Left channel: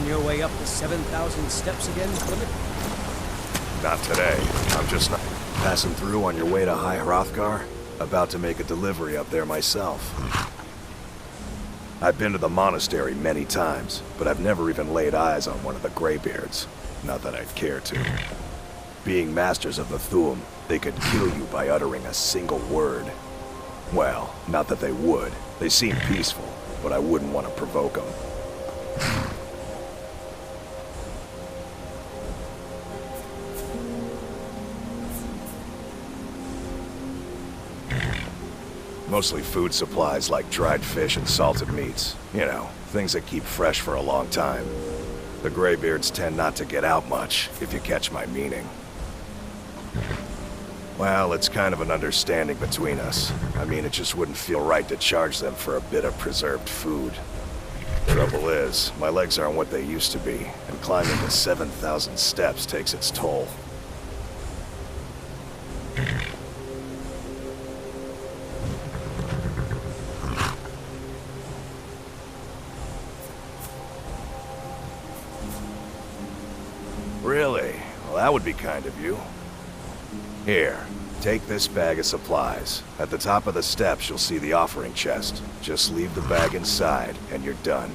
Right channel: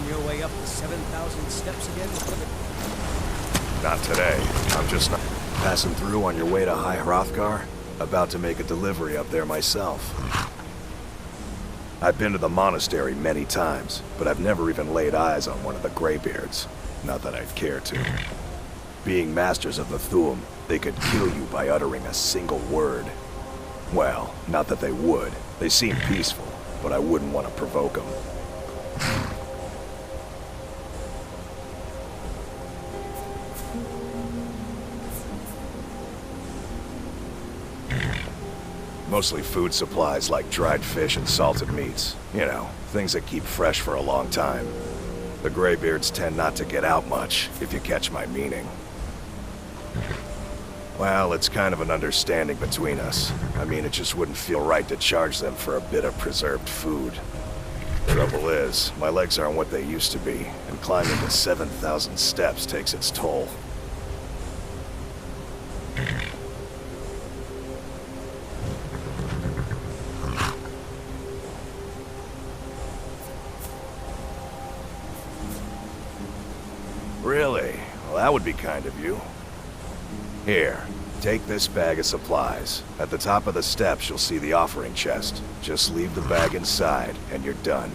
On your way up the 7,000 steps again, Clement? Not today. I'm just not... Passing through on your way to High Hrothgar? About to make a delivery up there myself. I've been to the monastery many times, but I've never even laid eyes on one of the Greybeards. Not that I'd care to. Being masters of the Thu'um, they could kill you by uttering a single word. Well, not that they would. They seem peaceful, but I wouldn't want to provoke them. Mostly food supplies like dried fish and salted meats. You know, things that keep fresh for a long time. The Greybeards tend not to get out much, if you catch my meaning. Well, it's kind of an understanding between us. I mean, it just wouldn't feel right to charge them for a bit of preserved food. Trouble is, my legs aren't what they used to be, and climbing the 7,000 steps takes its toll. Really? Well, that would be kind of you. Here, take this bag of supplies. At the top of the steps, you'll see the offering chest. Just leave the bag inside, and you're done.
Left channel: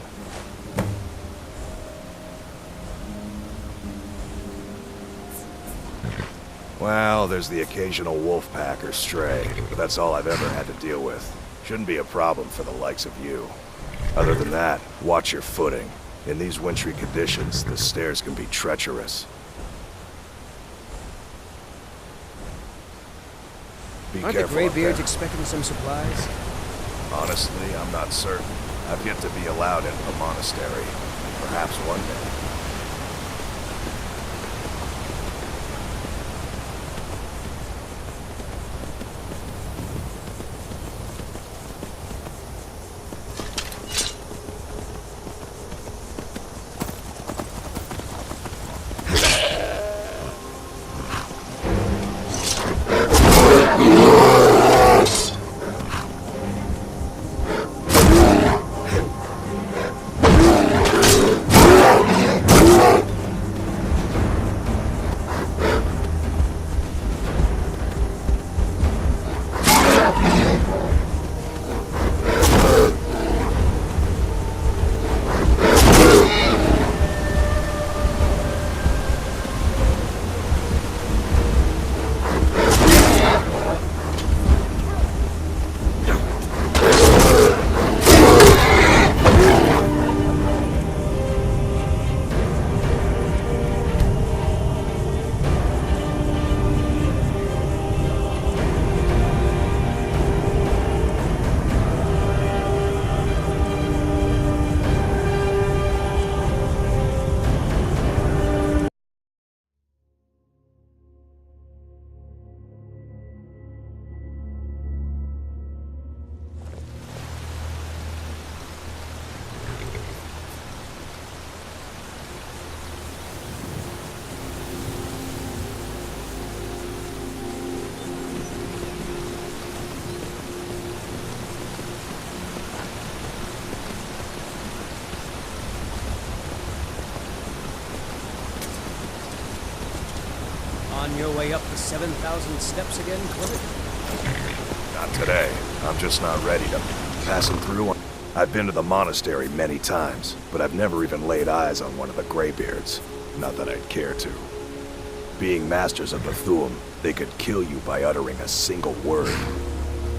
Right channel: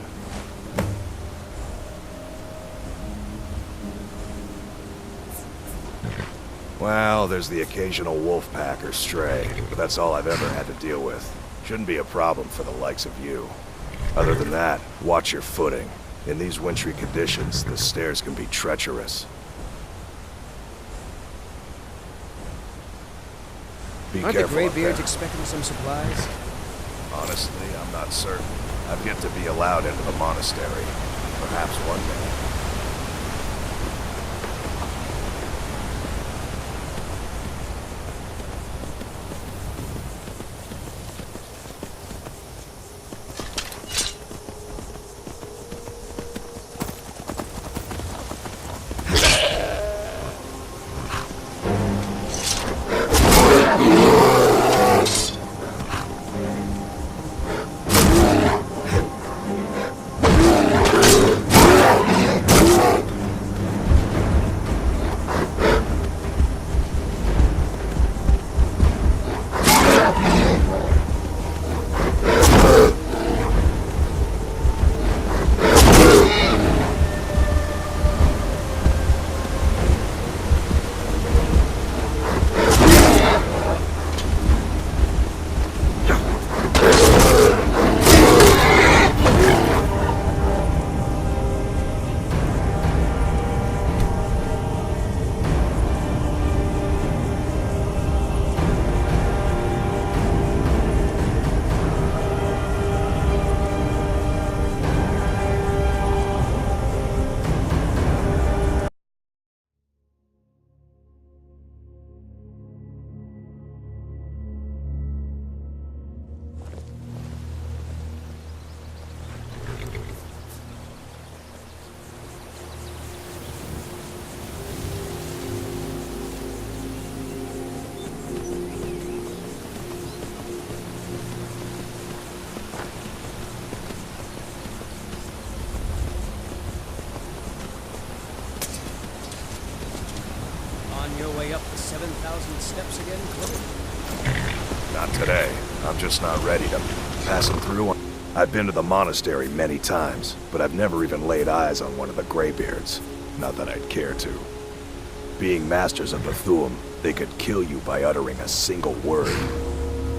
Well, there's the occasional wolf pack or stray, but that's all I've ever had to deal with. Shouldn't be a problem for the likes of you. Other than that, watch your footing. In these wintry conditions, the stairs can be treacherous. Be Aren't the careful Greybeards up expecting some supplies? there. Honestly, I'm not certain. I've yet to be allowed into the monastery. Perhaps one day. On your way up the 7,000 steps again, Clement? Not today. I'm just not ready to... Passing through on... I've been to the monastery many times, but I've never even laid eyes on one of the Greybeards. Not that I'd care to. Being masters of the Thu'um, they could kill you by uttering a single word.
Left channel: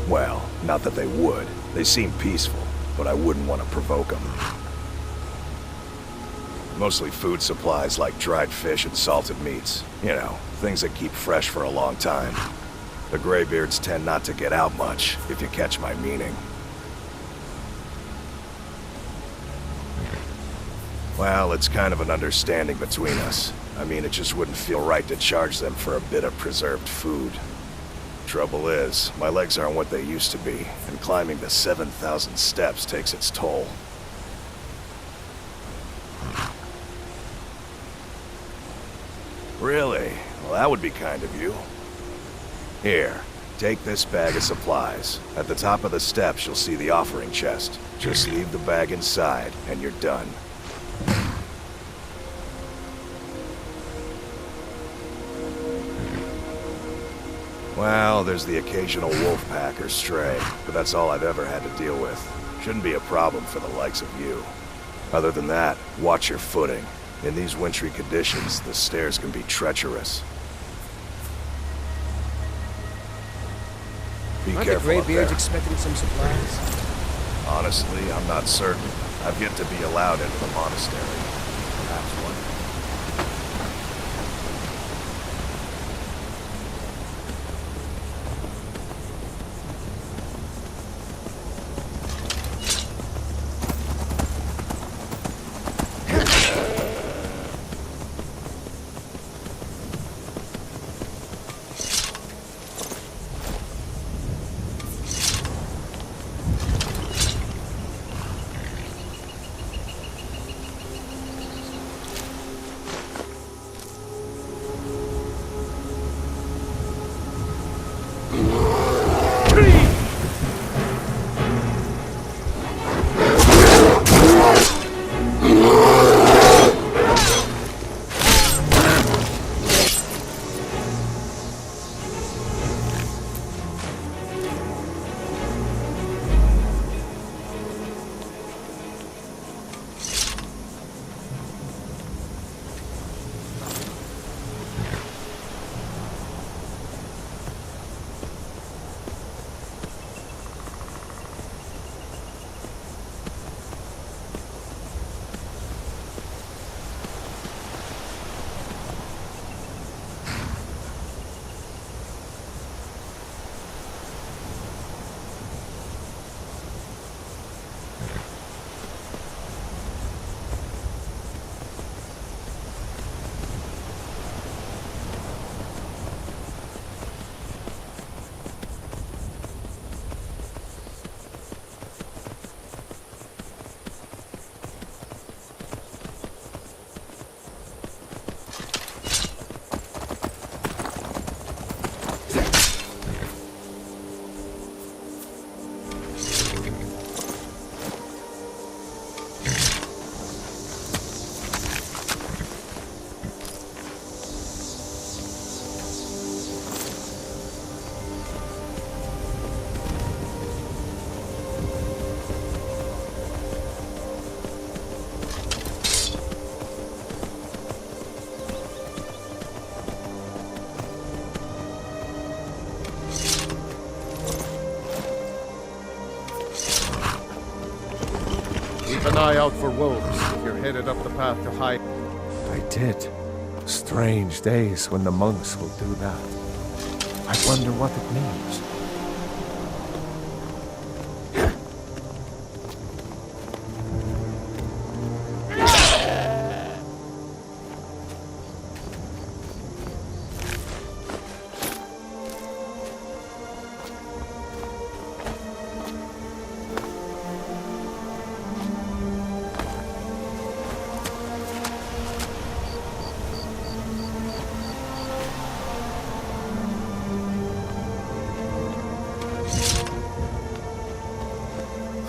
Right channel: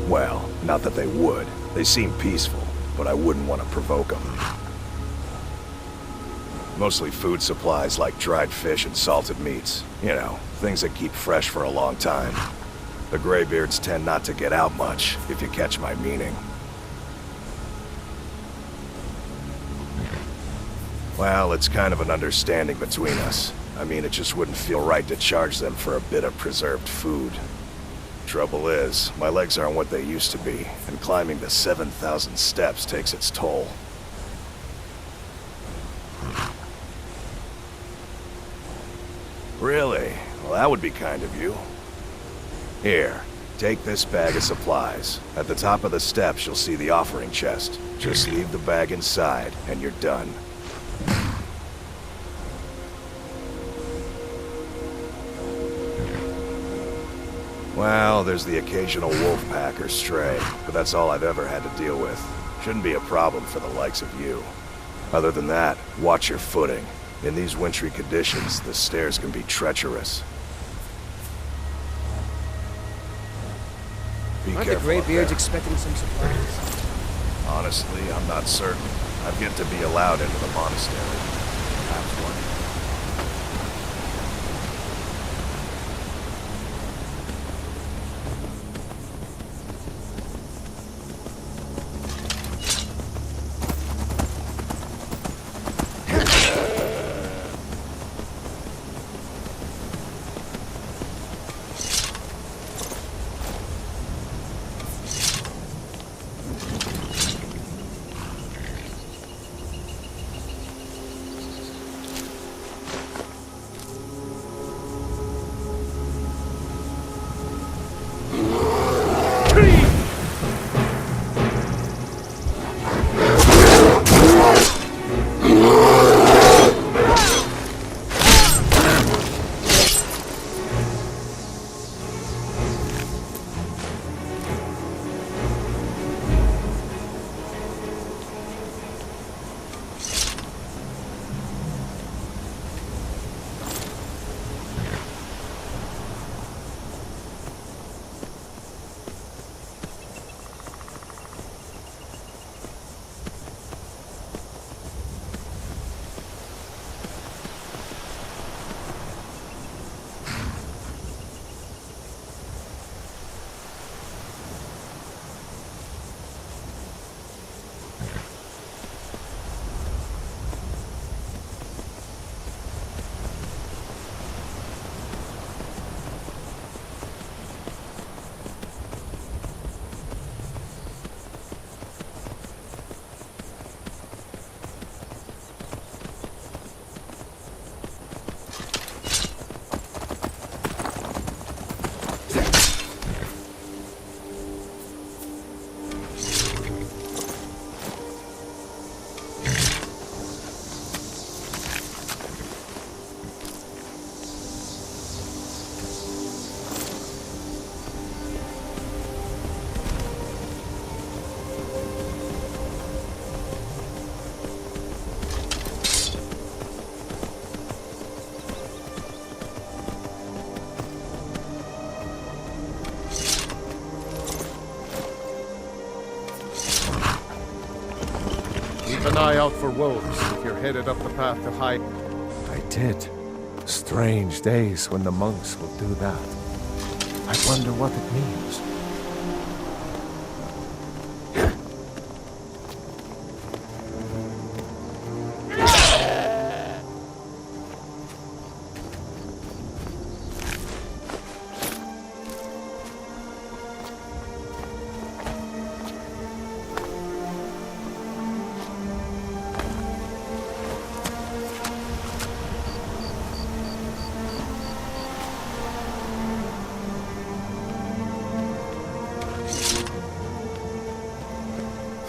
Well, not that they would. They seem peaceful, but I wouldn't want to provoke them. Mostly food supplies like dried fish and salted meats. You know, things that keep fresh for a long time. The Greybeards tend not to get out much, if you catch my meaning. Well, it's kind of an understanding between us. I mean, it just wouldn't feel right to charge them for a bit of preserved food. Trouble is, my legs aren't what they used to be, and climbing the 7,000 steps takes its toll. Really? Well, that would be kind of you. Here, take this bag of supplies. At the top of the steps, you'll see the offering chest. Just leave the bag inside, and you're done. Well, there's the occasional wolf pack or stray, but that's all I've ever had to deal with. Shouldn't be a problem for the likes of you. Other than that, watch your footing. In these wintry conditions, the stairs can be treacherous. Be Aren't the careful up Greybeards there. expecting some supplies? Honestly, I'm not certain. I've yet to be allowed into the monastery. Perhaps one day. Keep an eye out for wolves if you're headed up the path to hide. I did. Strange days when the monks will do that. I wonder what it means.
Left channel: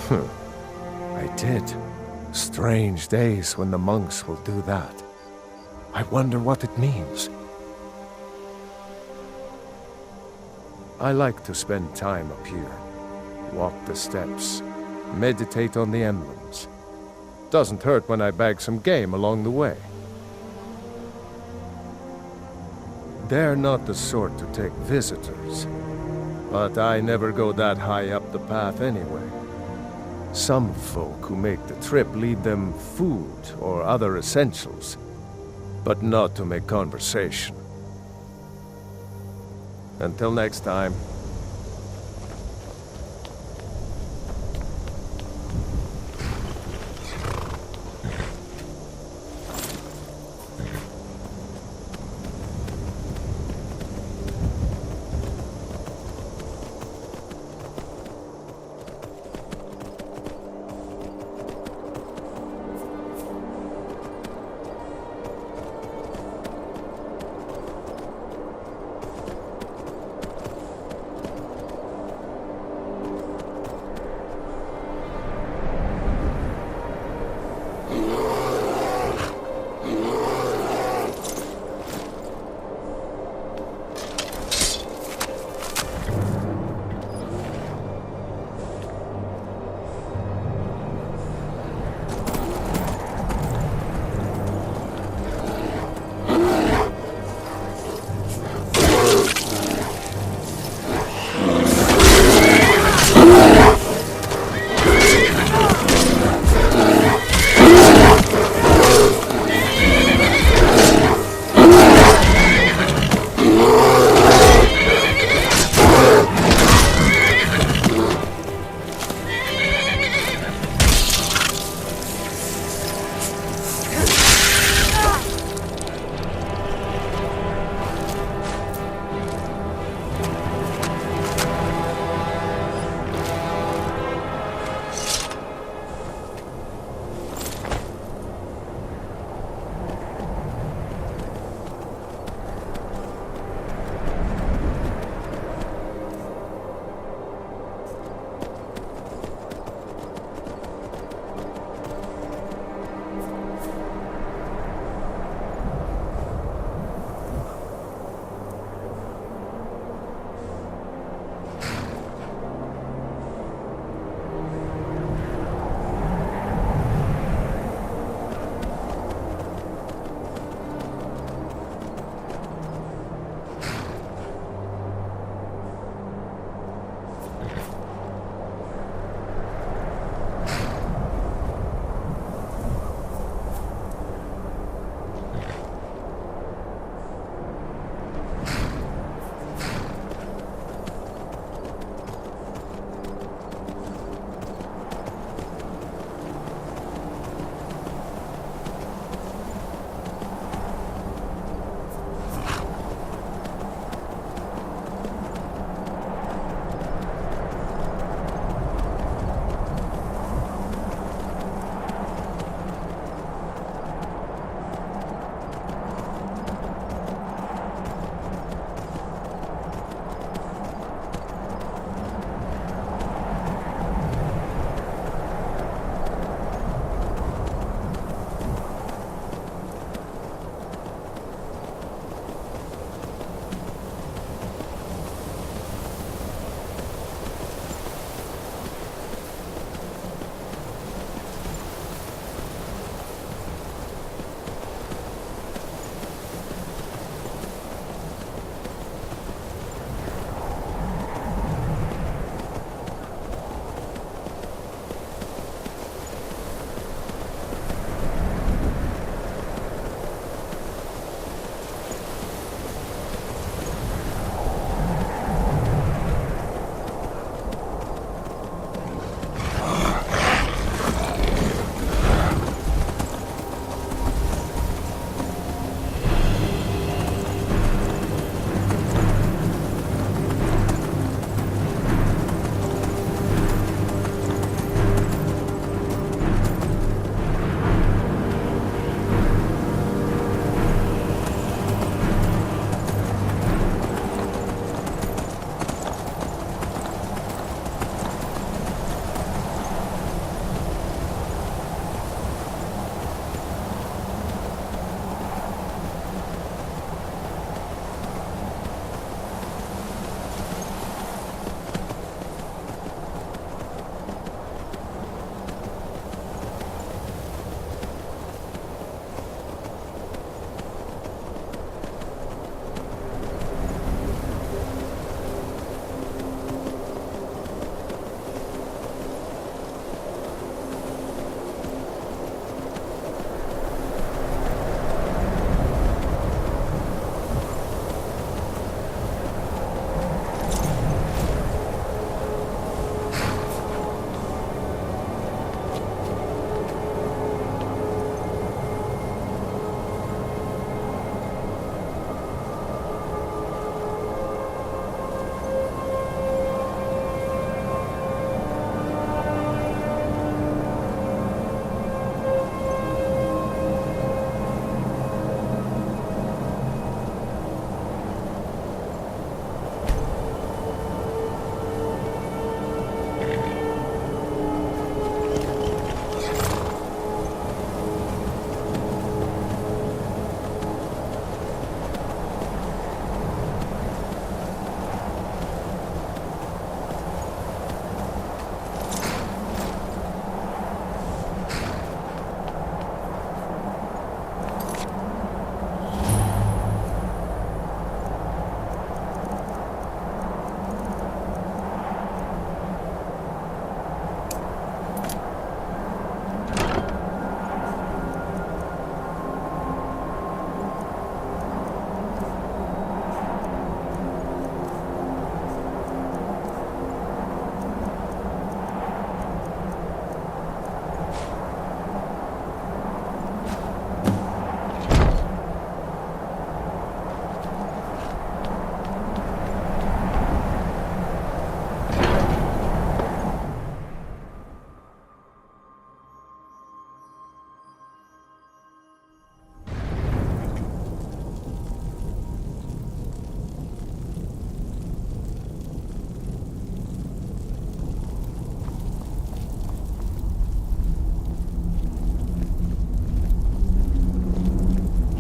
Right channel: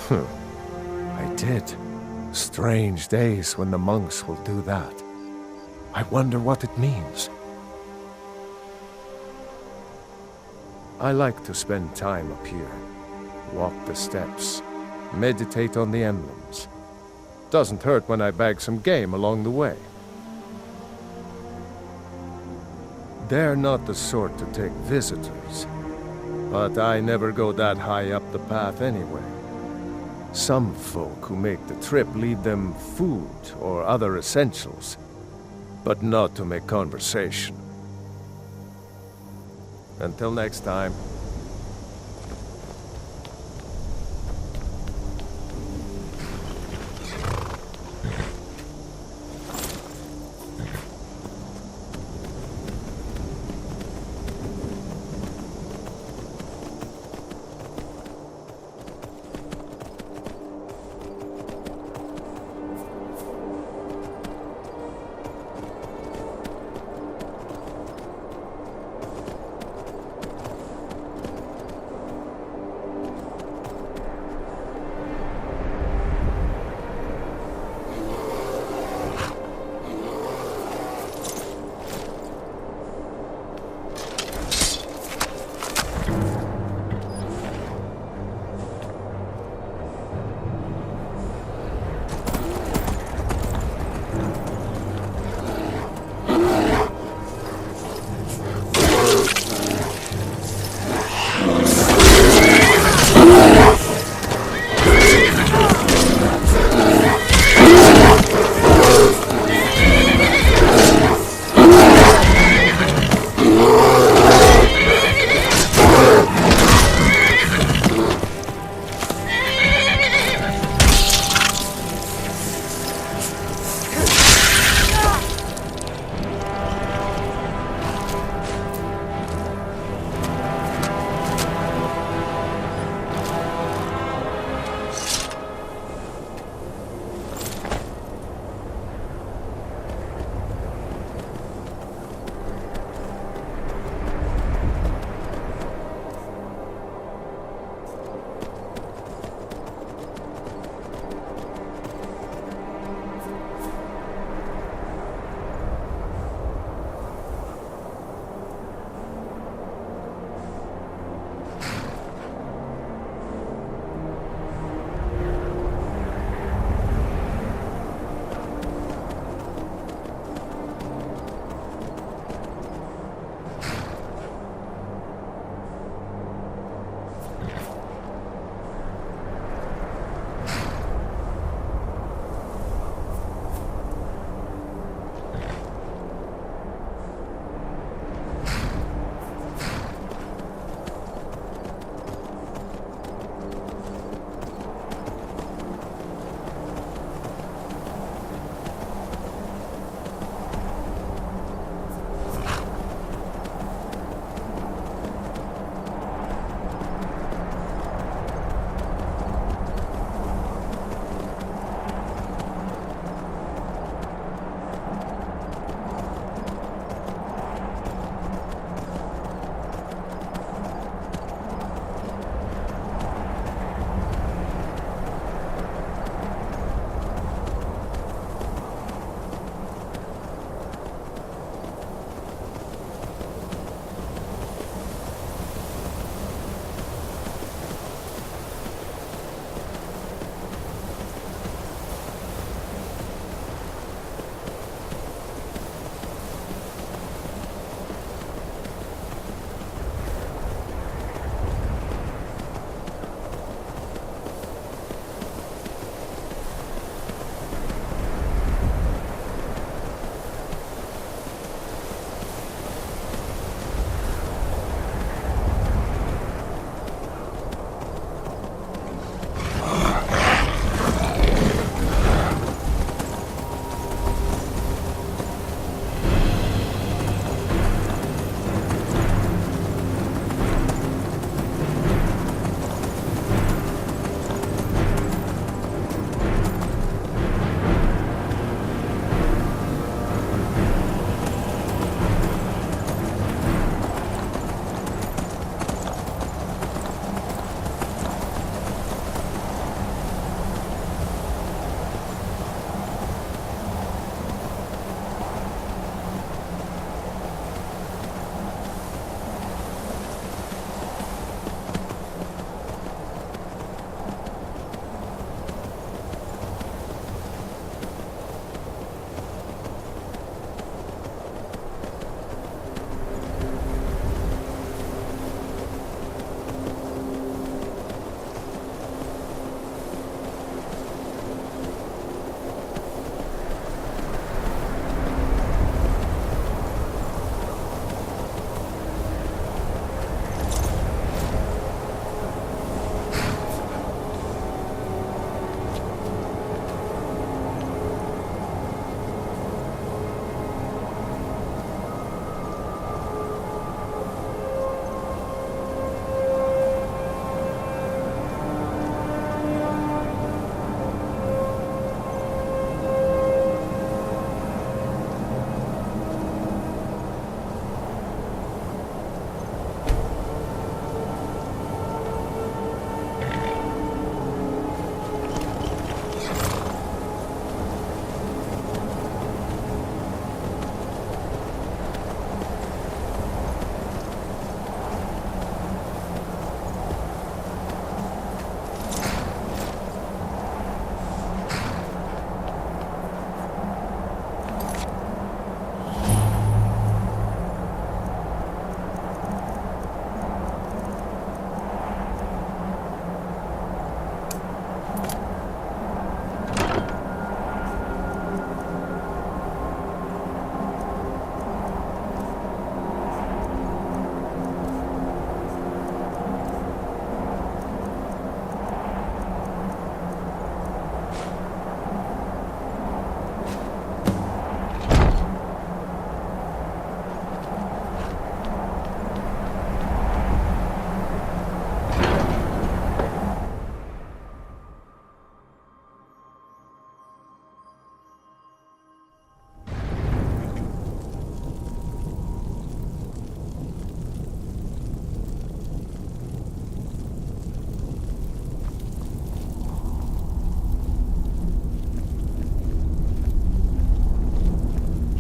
I did. Strange days when the monks will do that. I wonder what it means. I like to spend time up here. Walk the steps. Meditate on the emblems. Doesn't hurt when I bag some game along the way. They're not the sort to take visitors. But I never go that high up the path anyway. Some folk who make the trip leave them food or other essentials, but not to make conversation. Until next time.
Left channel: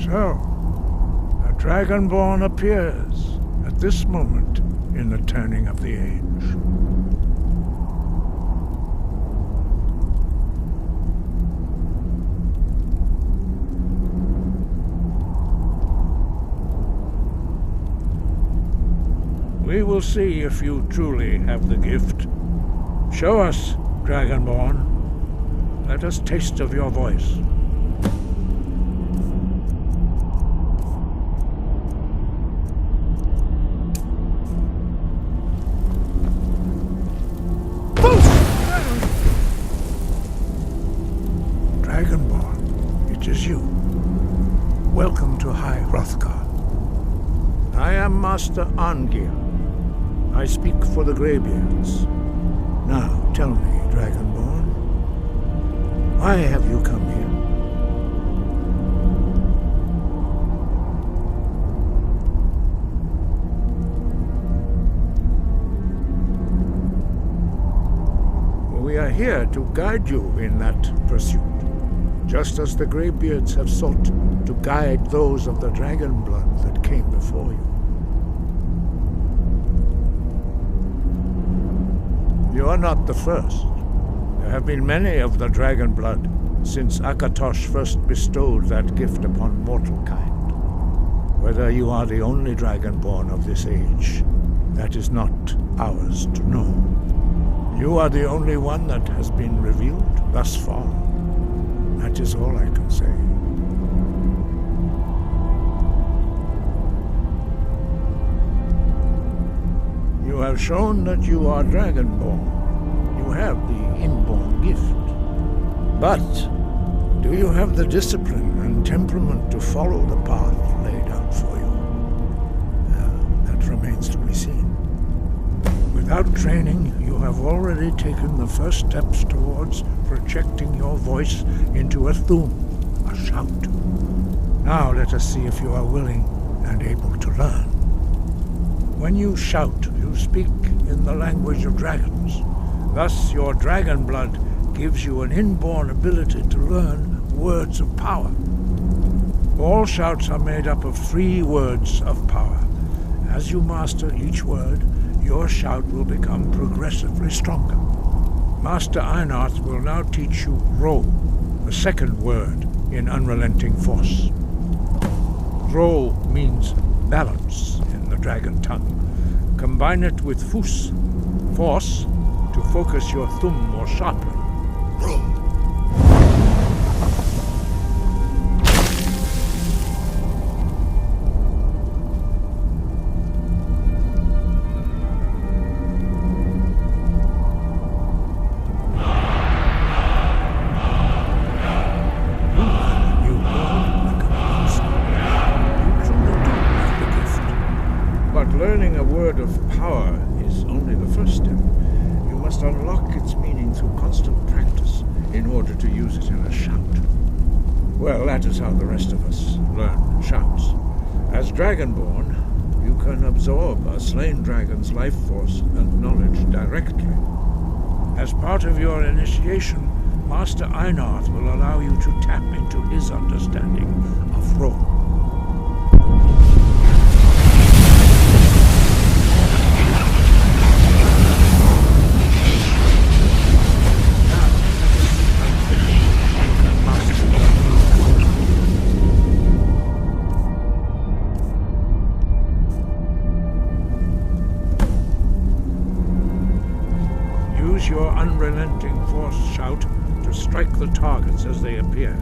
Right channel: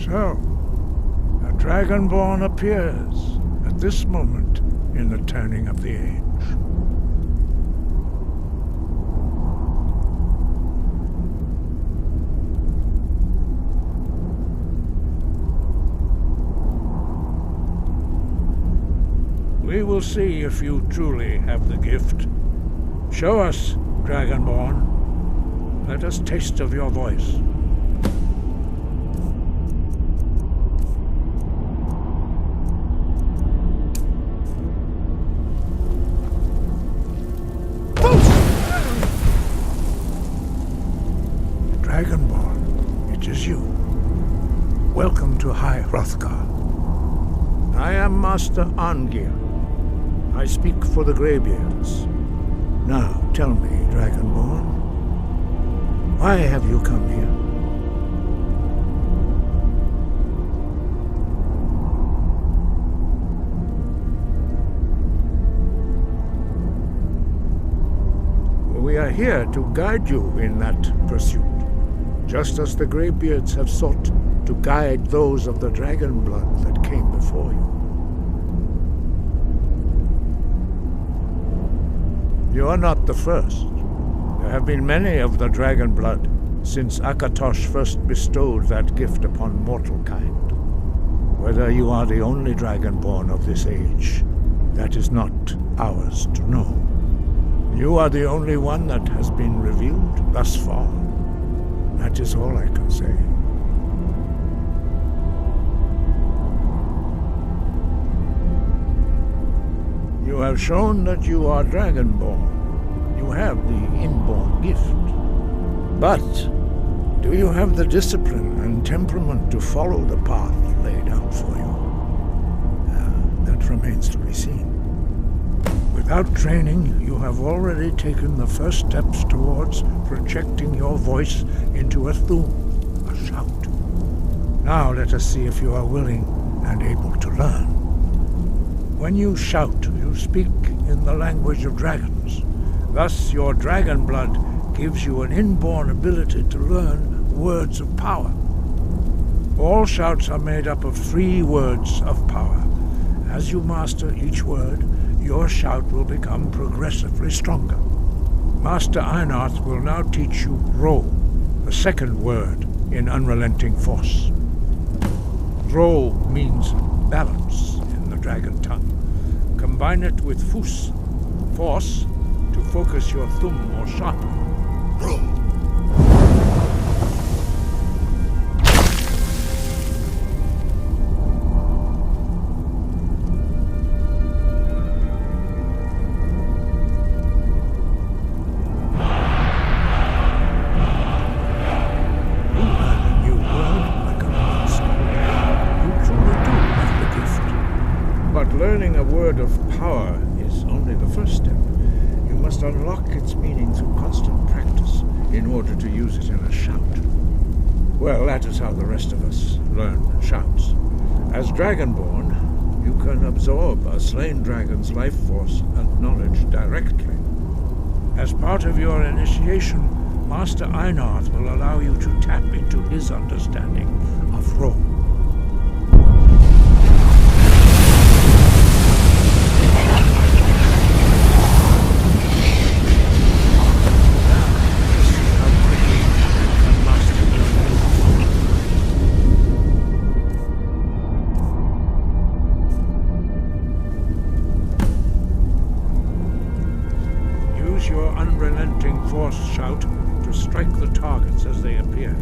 So, a Dragonborn appears at this moment in the turning of the age. We will see if you truly have the gift. Show us, Dragonborn. Let us taste of your voice. Dragonborn, it is you. Welcome to High Hrothgar. I am Master Arngeir. I speak for the Greybeards. Now, tell me, Dragonborn, why have you come here? We are here to guide you in that pursuit, just as the Greybeards have sought to guide those of the dragon blood that came before you. You are not the first. There have been many of the dragon blood since Akatosh first bestowed that gift upon mortal kind. Whether you are the only dragonborn of this age, that is not ours to know. You are the only one that has been revealed thus far. That is all I can say. You have shown that you are Dragonborn. You have the inborn gift. But do you have the discipline and temperament to follow the path laid out for you? That remains to be seen. Without training, you have already taken the first steps towards projecting your voice into a thum, a shout. Now let us see if you are willing and able to learn. When you shout, you speak in the language of dragons. Thus, your dragon blood gives you an inborn ability to learn words of power. All shouts are made up of 3 words of power. As you master each word, your shout will become progressively stronger. Master Einarth will now teach you Ro, the second word in Unrelenting Force. Ro means balance in the dragon tongue. Combine it with Fus, force, to focus your thumb more sharply. Ro. Learning a word of power is only the first step. You must unlock its meaning through constant practice in order to use it in a shout. Well, that is how the rest of us learn shouts. As Dragonborn, you can absorb a slain dragon's life force and knowledge directly. As part of your initiation, Master Einarth will allow you to tap into his understanding of Ro. Use your unrelenting force shout to strike the targets as they appear.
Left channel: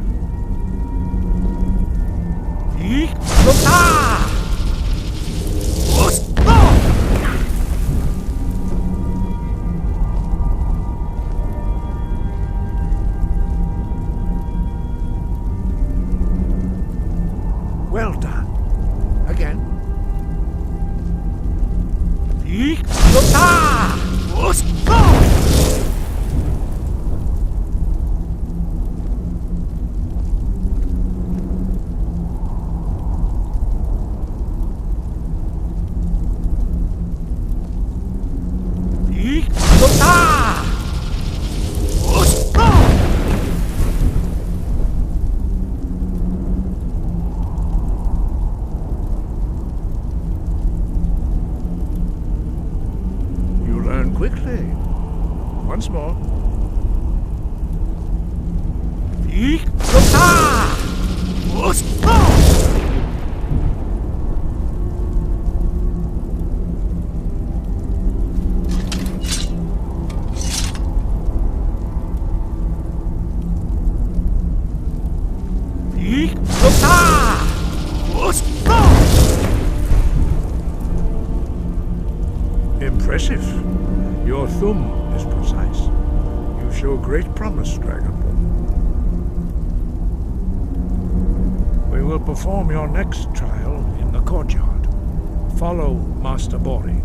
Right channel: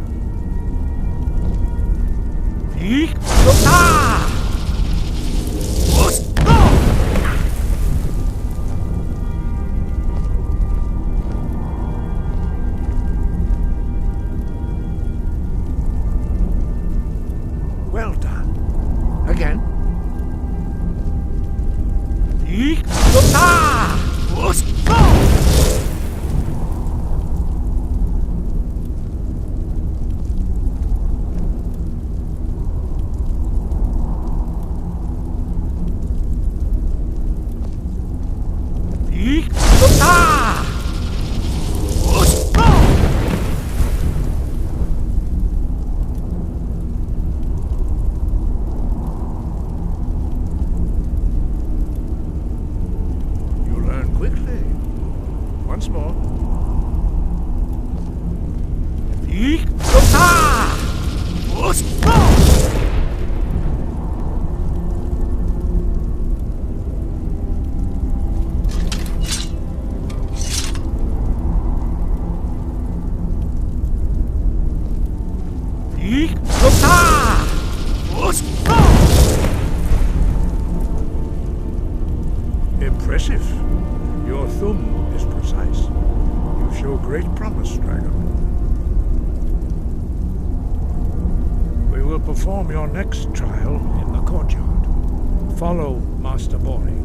Well done. Again. Exactly. Once more. Impressive. Your thumb is precise. You show great promise, Dragonborn. We will perform your next trial in the courtyard. Follow Master Bori.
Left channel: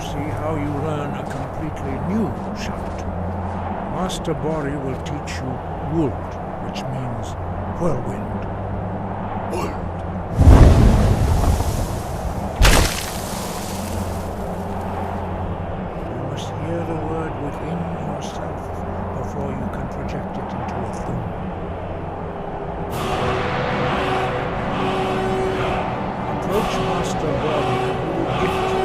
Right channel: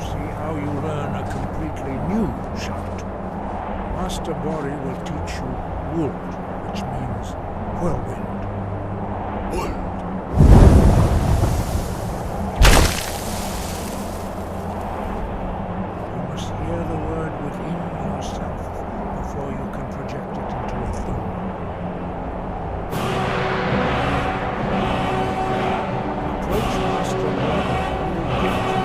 See how you learn a completely new shout. Master Bori will teach you Wuld, which means whirlwind. Wuld. You must hear the word within yourself before you can project it into a thum. Approach Master Bori, who will gift you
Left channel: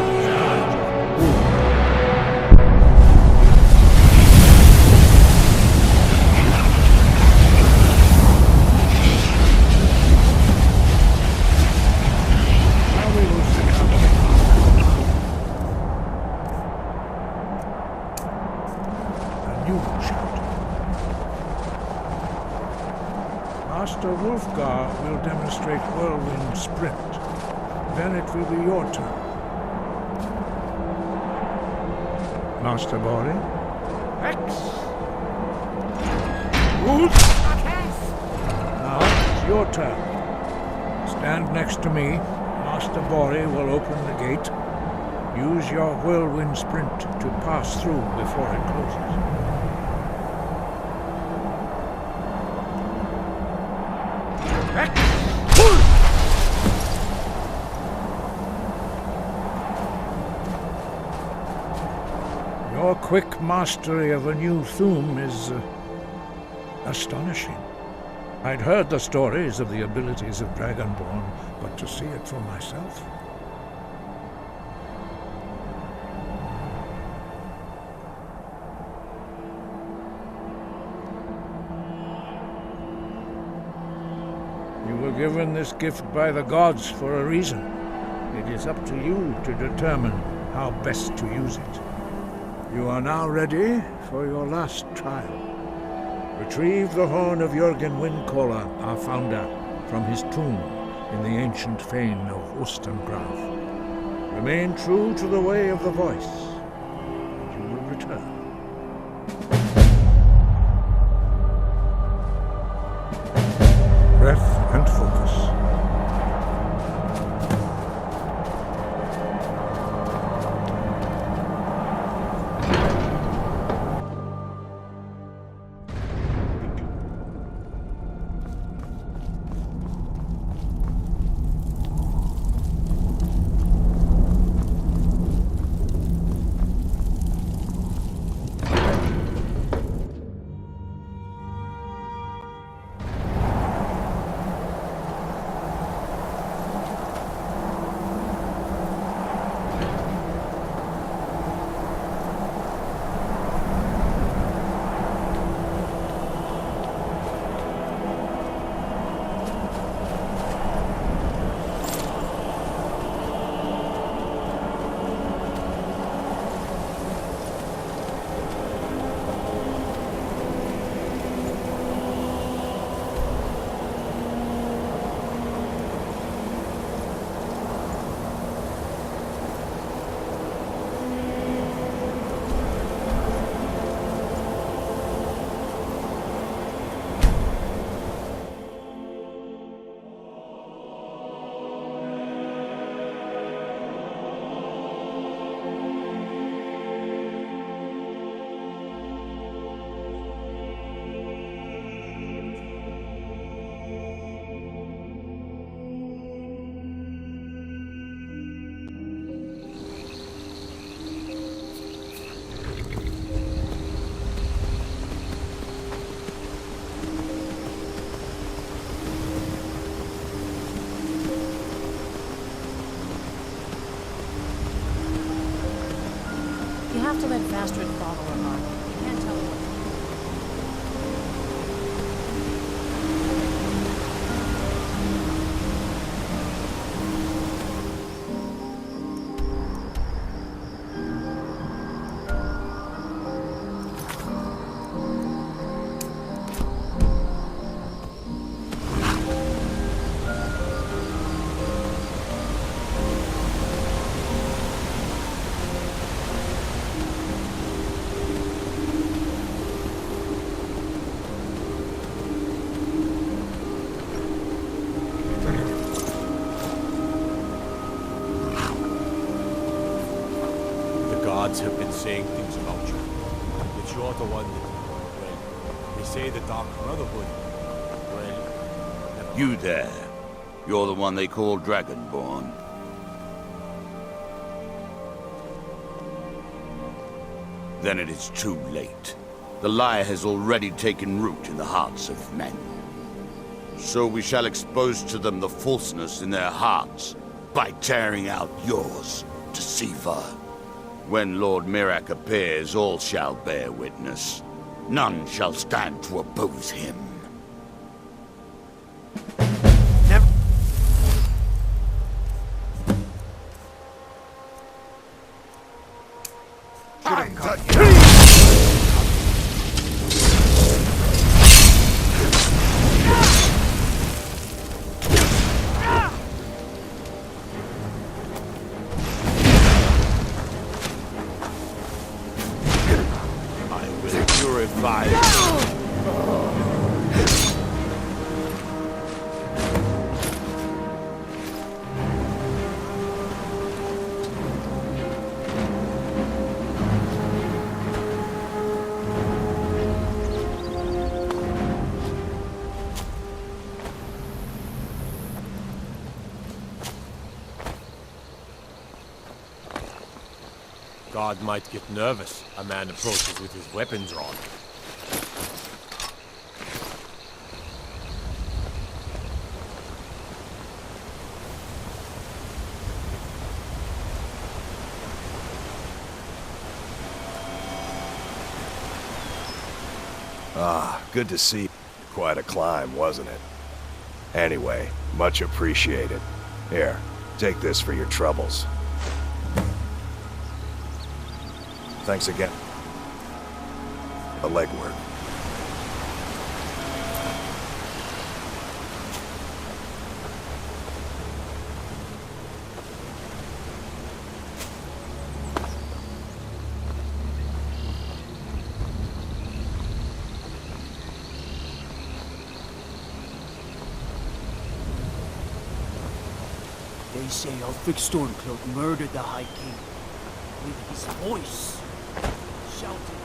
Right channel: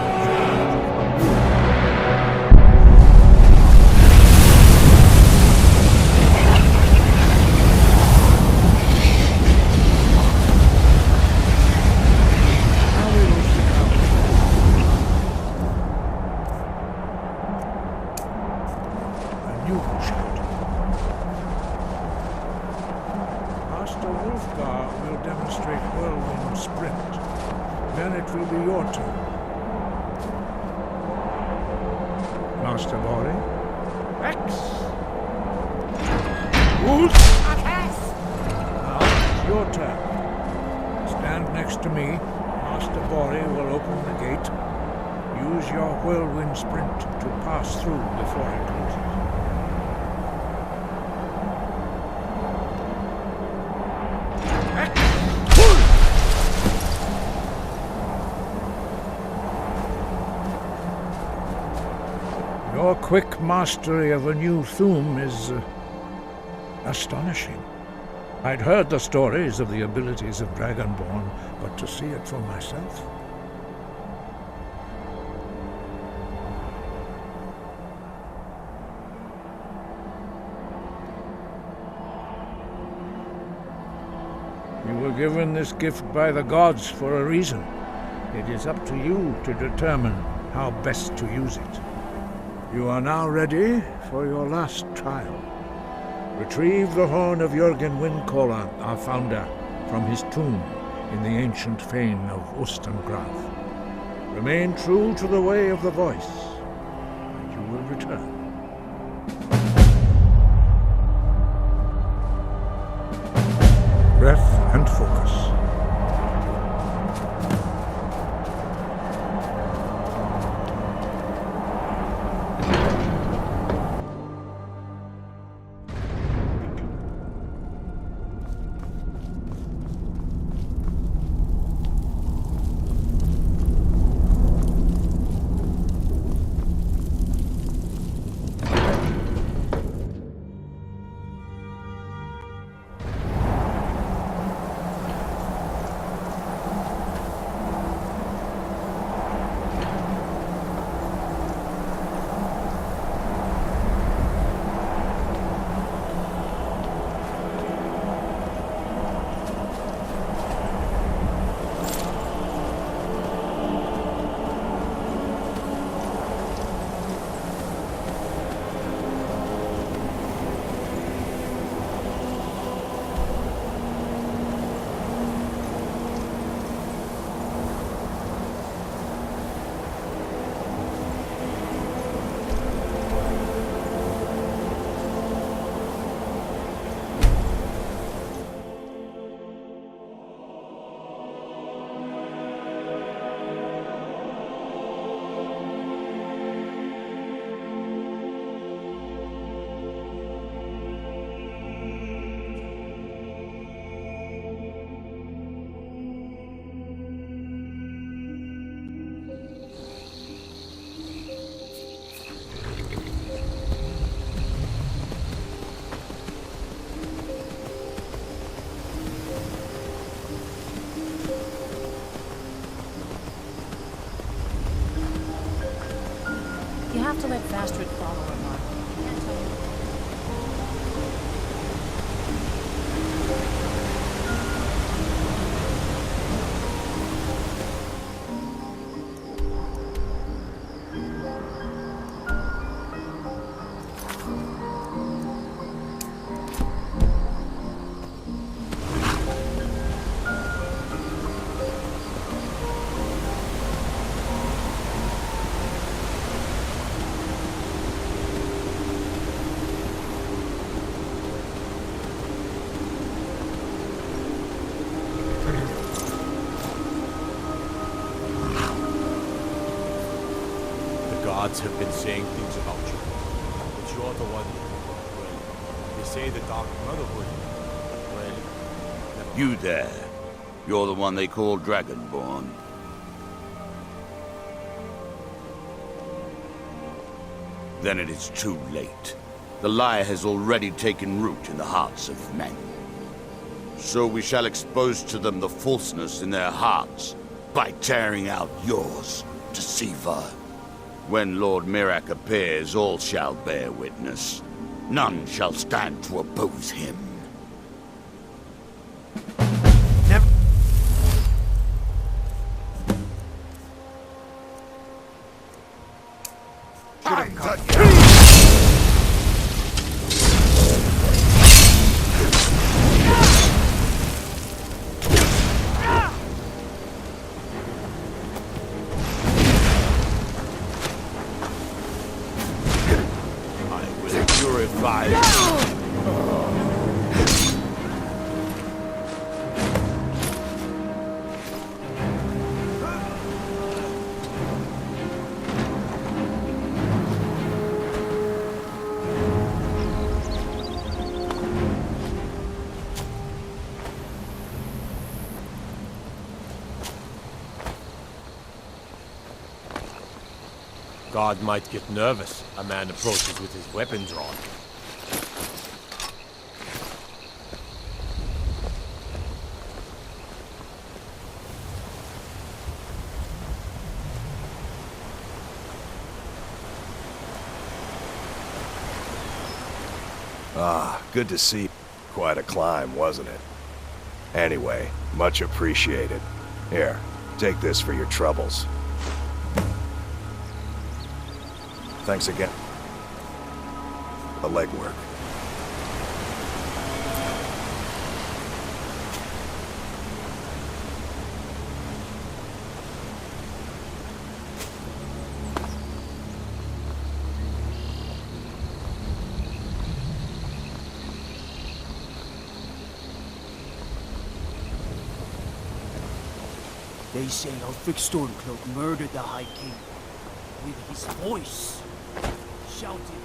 Master Wulfgar will demonstrate Whirlwind Sprint. Then it will be your turn. Master Bori? X! Wolf! Now it's your turn. Stand next to me. Master Bori will open the gate. Use your Whirlwind Sprint to pass through before it closes. Your quick mastery of a new thum is astonishing. I'd heard the stories of the abilities of Dragonborn, but to see it for myself... You were given this gift by the gods for a reason. It is up to you to determine how best to use it. You are now ready for your last trial. Retrieve the horn of Jürgen Windcaller, our founder, from his tomb in the ancient fane of Ustengrav. Remain true to the way of the voice, and you will return. Breath and focus. You have to let Vastrid follow her heart. You can't tell her. Gods have been saying things about you. That you're the one that, well, they say the Dark Brotherhood. Well, never You there. You're the one they call Dragonborn. Then it is too late. The lie has already taken root in the hearts of men. So we shall expose to them the falseness in their hearts by tearing out yours, deceiver. When Lord Mirak appears, all shall bear witness. None shall stand to oppose him. Never. God might get nervous. A man approaches with his weapon drawn. Ah, good to see you. Quite a climb, wasn't it? Anyway, much appreciated. Here, take this for your troubles. Thanks again. The legwork. They say Ulfric Stormcloak murdered the High King with his voice. Shouted him.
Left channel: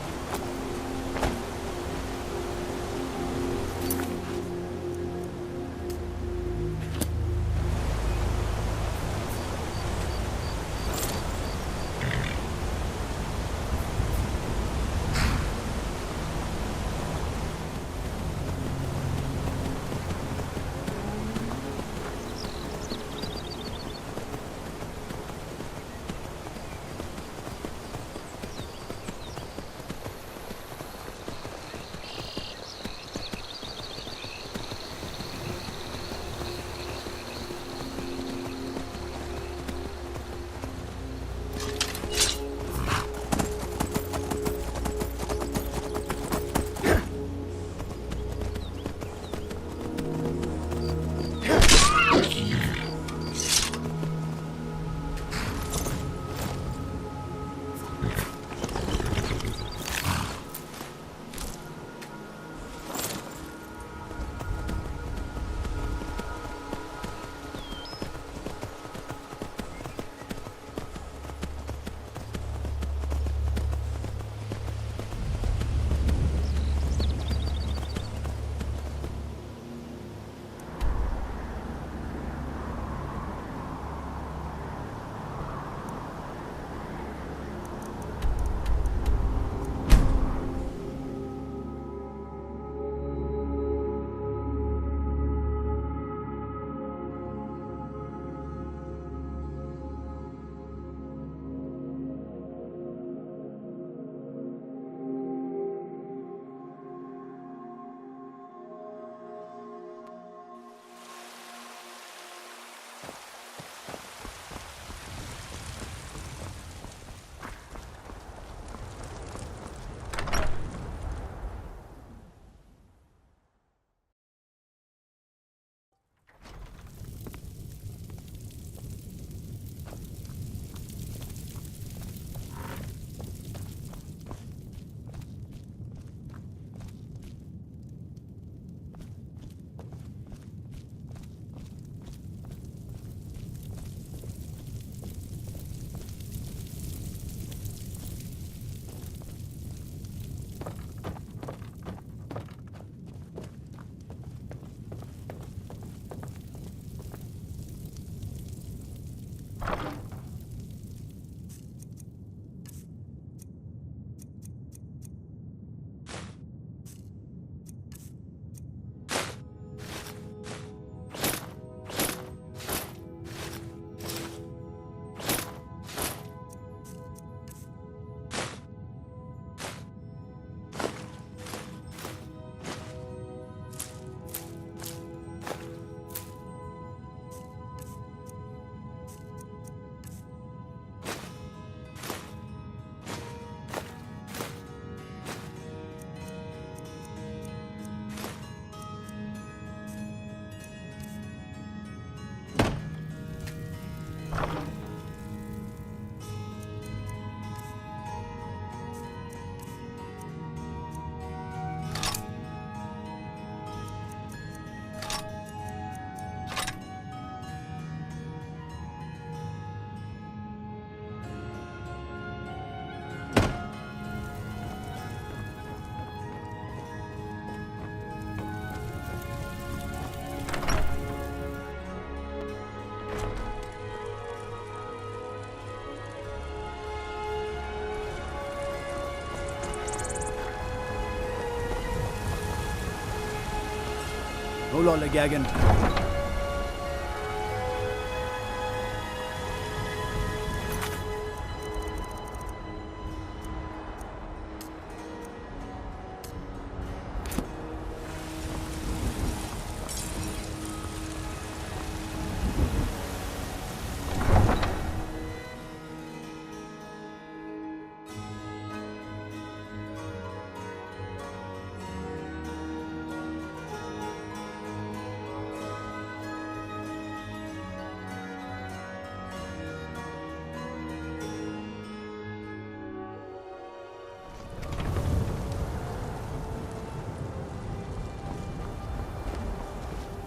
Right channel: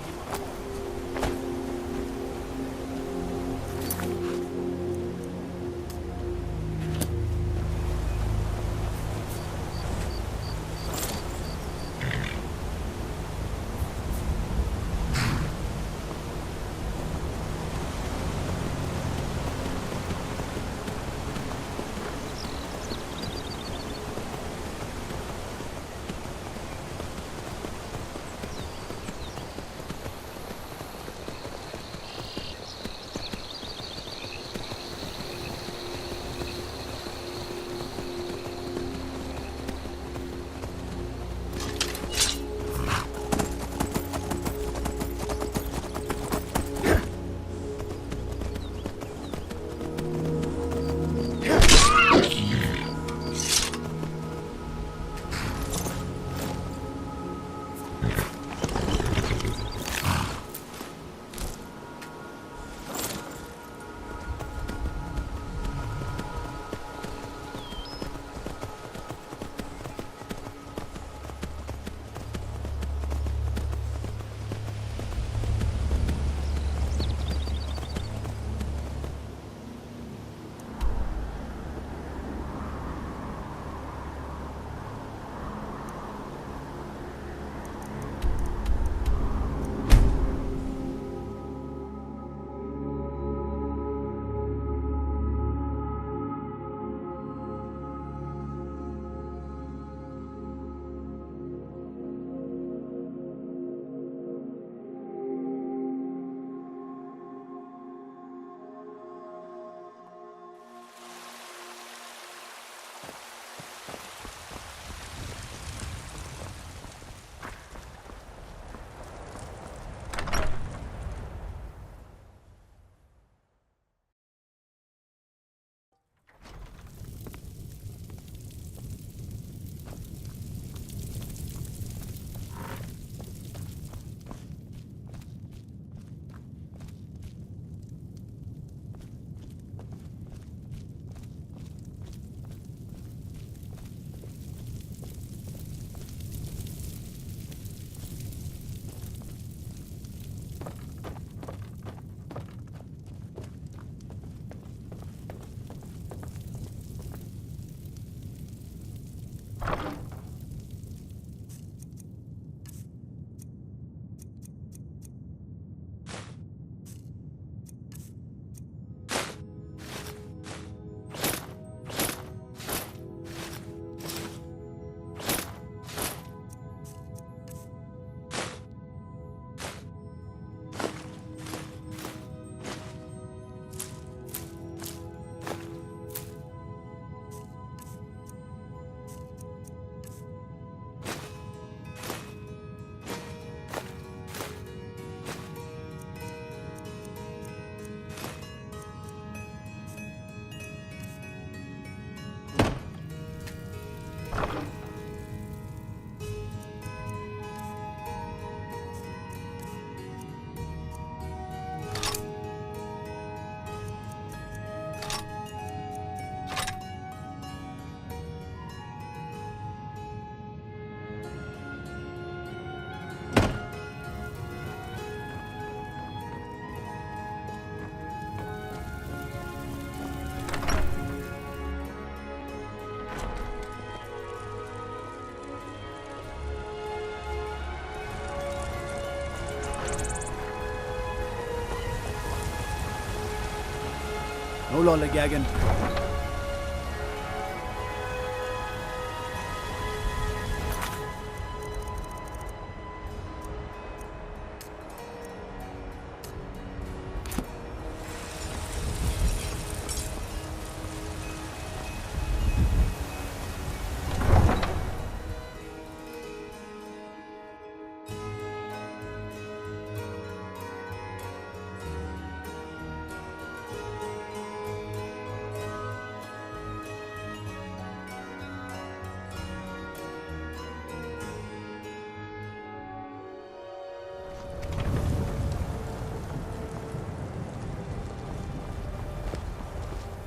No lollygagging.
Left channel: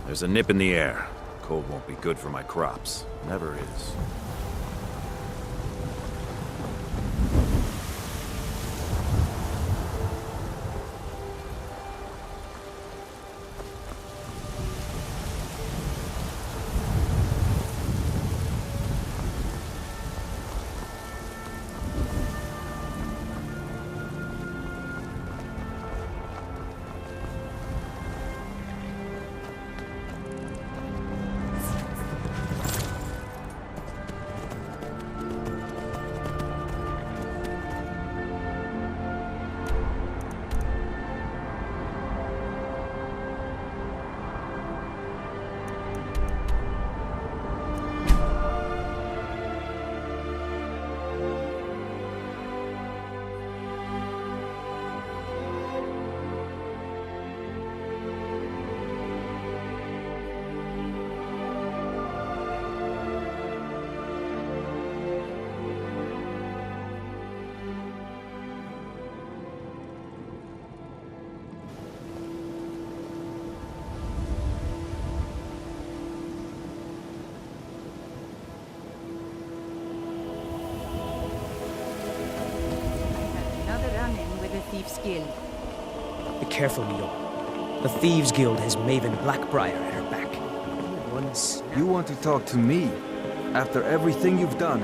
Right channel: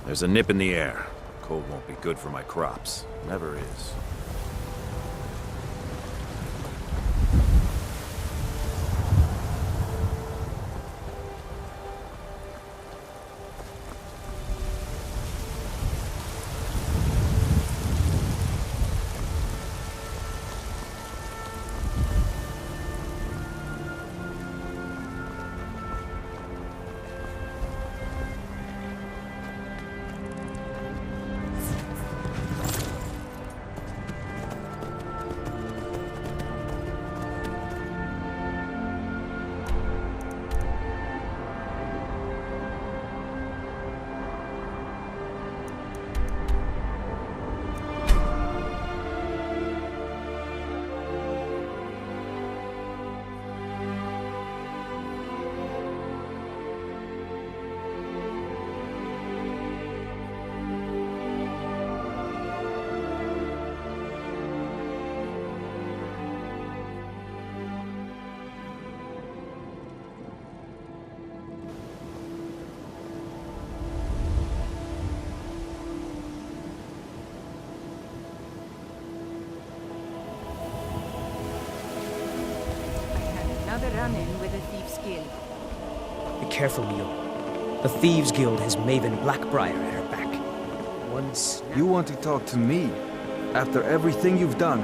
There's a nip in the air. Cold won't be good for my crops. Never is. Another run-in with the Thieves' Guild. Be careful, Mio. The Thieves' Guild has Maven Blackbriar at her back. One snap. You want to talk to me? After everything you've done?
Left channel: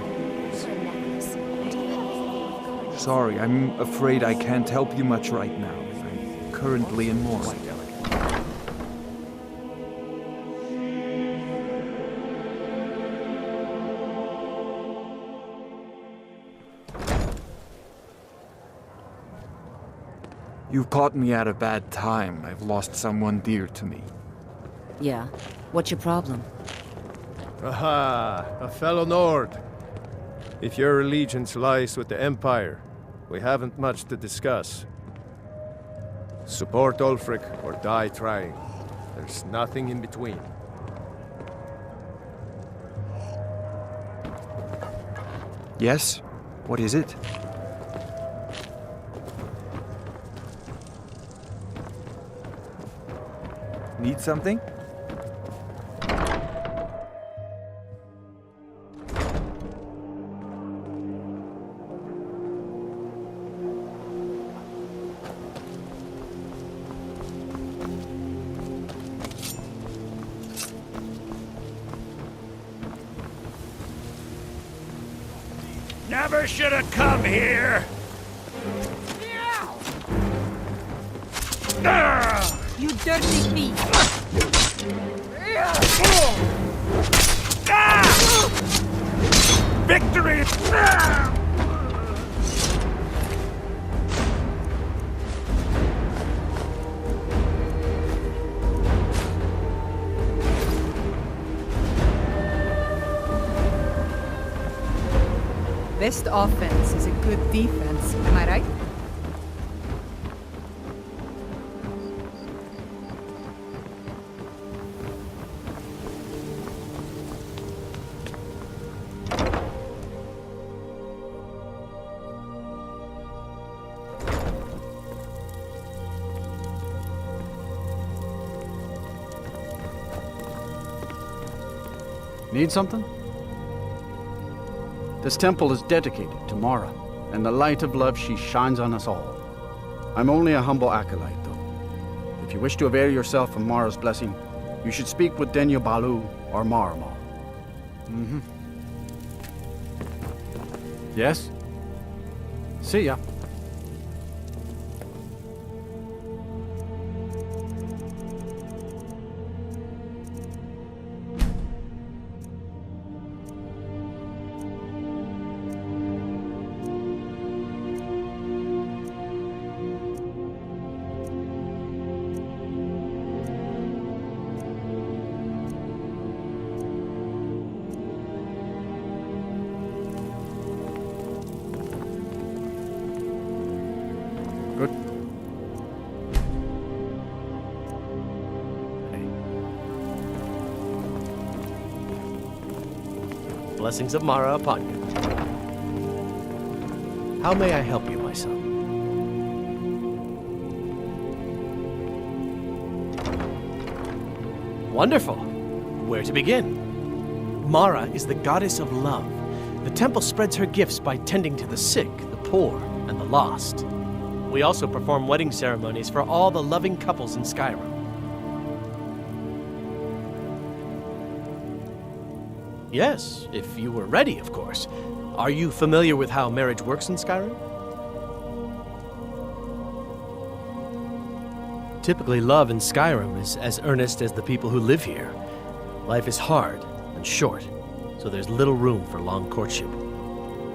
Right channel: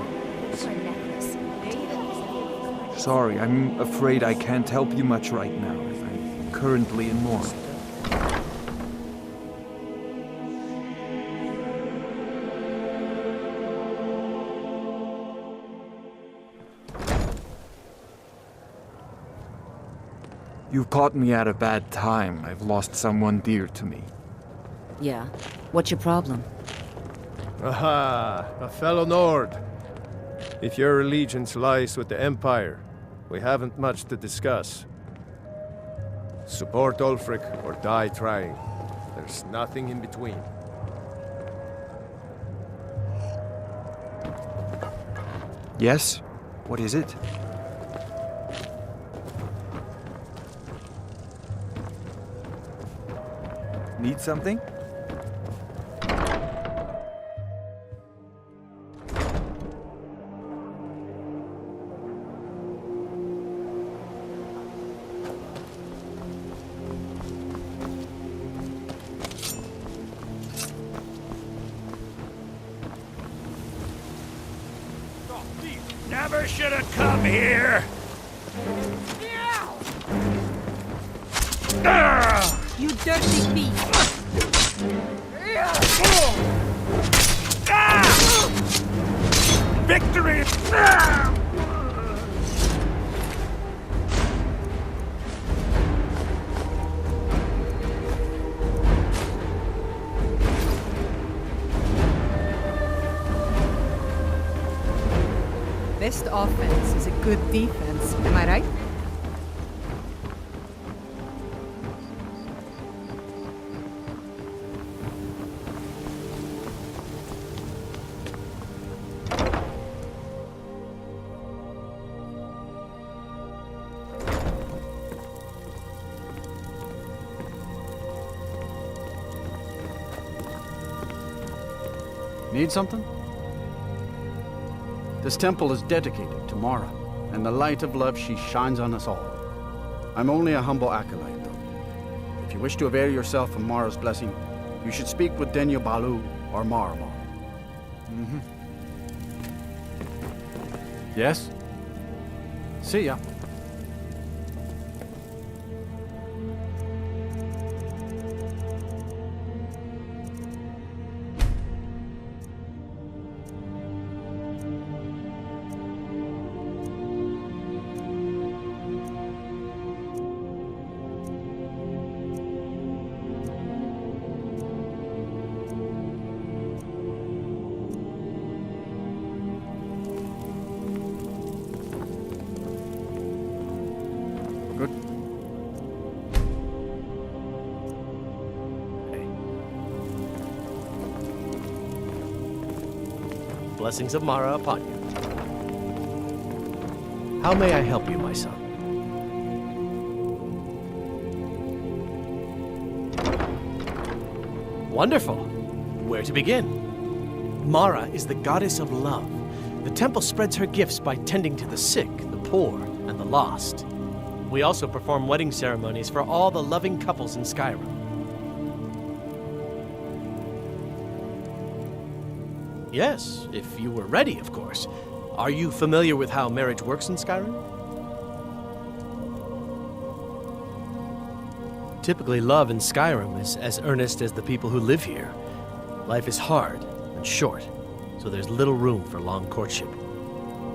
Sorry, I'm afraid I can't help you much right now. I'm currently in mourning. You've caught me at a bad time. I've lost someone dear to me. Yeah. What's your problem? Aha! A fellow Nord. If your allegiance lies with the Empire, we haven't much to discuss. Support Ulfric or die trying. There's nothing in between. Yes? What is it? Need something? Never should have come here! You dirty thief! Victory! Best offense is a good defense, am I right? Need something? This temple is dedicated to Mara, and the light of love she shines on us all. I'm only a humble acolyte, though. If you wish to avail yourself of Mara's blessing, you should speak with Denyo Balu or Marama. Mm-hmm. Yes? See ya. Good. Blessings of Mara upon you. How may I help you, my son? Wonderful. Where to begin? Mara is the goddess of love. The temple spreads her gifts by tending to the sick, the poor, and the lost. We also perform wedding ceremonies for all the loving couples in Skyrim. Yes, if you were ready, of course. Are you familiar with how marriage works in Skyrim? Typically, love in Skyrim is as earnest as the people who live here. Life is hard and short, so there's little room for long courtship.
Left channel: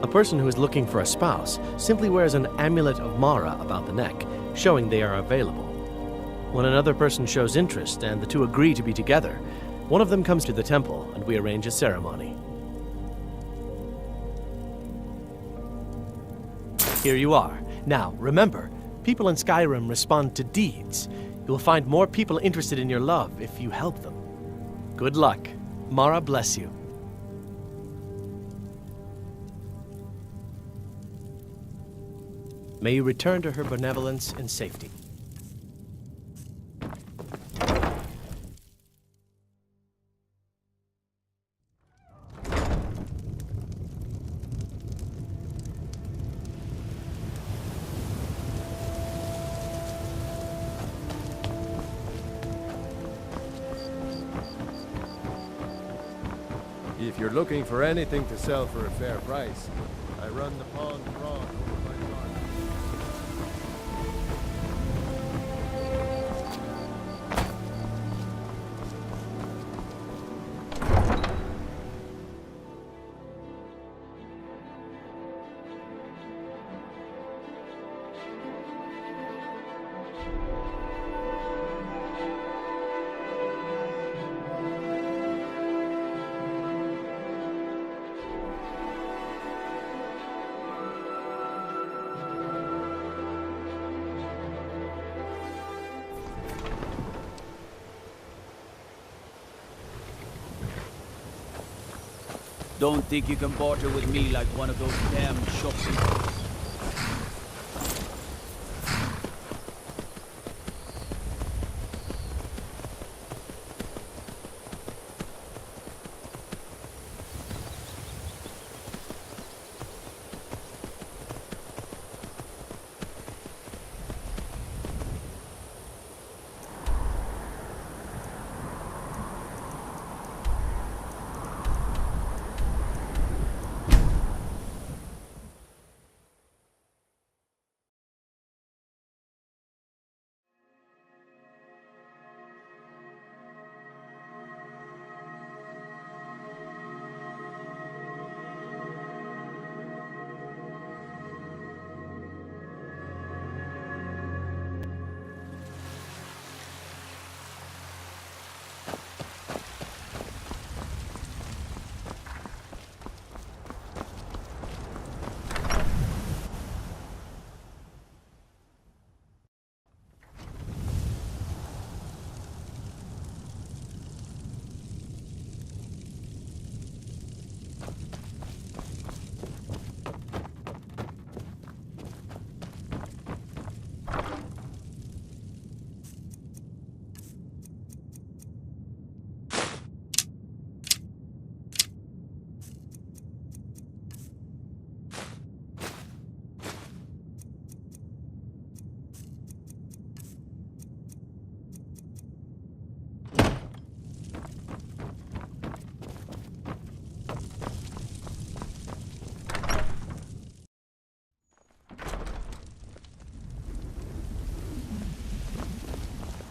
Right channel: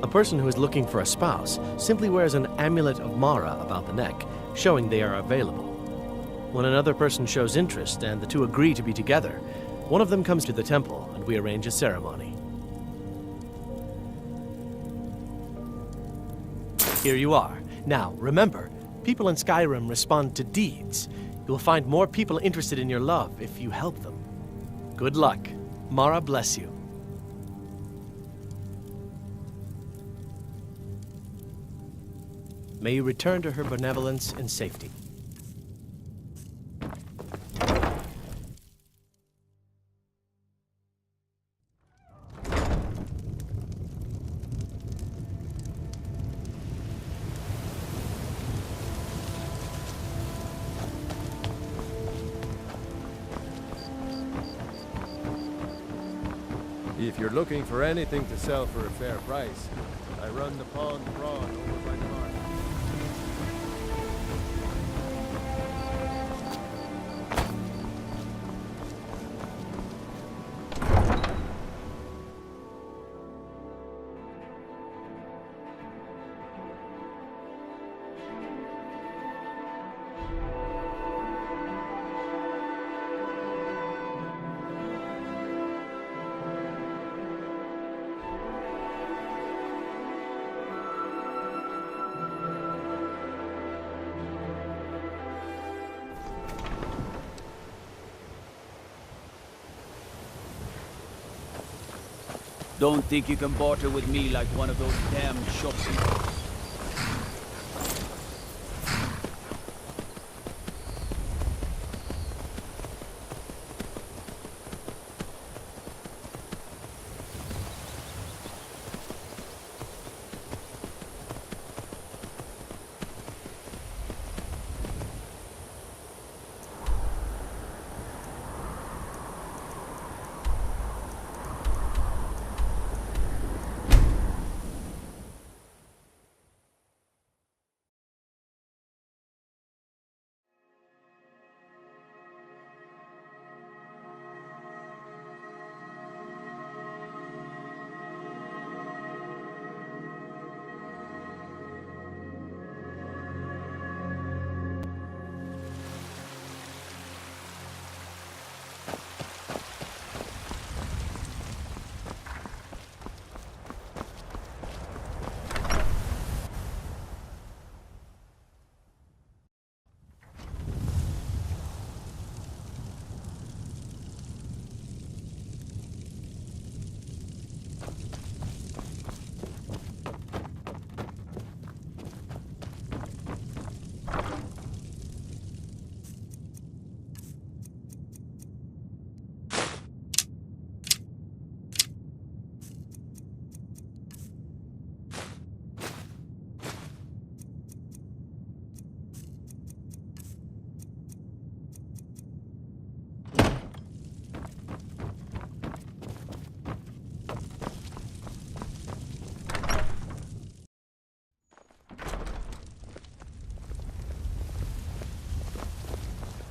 A person who is looking for a spouse simply wears an amulet of Mara about the neck, showing they are available. When another person shows interest and the two agree to be together, one of them comes to the temple and we arrange a ceremony. Here you are. Now, remember, people in Skyrim respond to deeds. You will find more people interested in your love if you help them. Good luck. Mara bless you. May you return to her benevolence in safety. If you're looking for anything to sell for a fair price, I run the pond prawn over by the market. Don't think you can barter with me like one of those damn shopkeepers.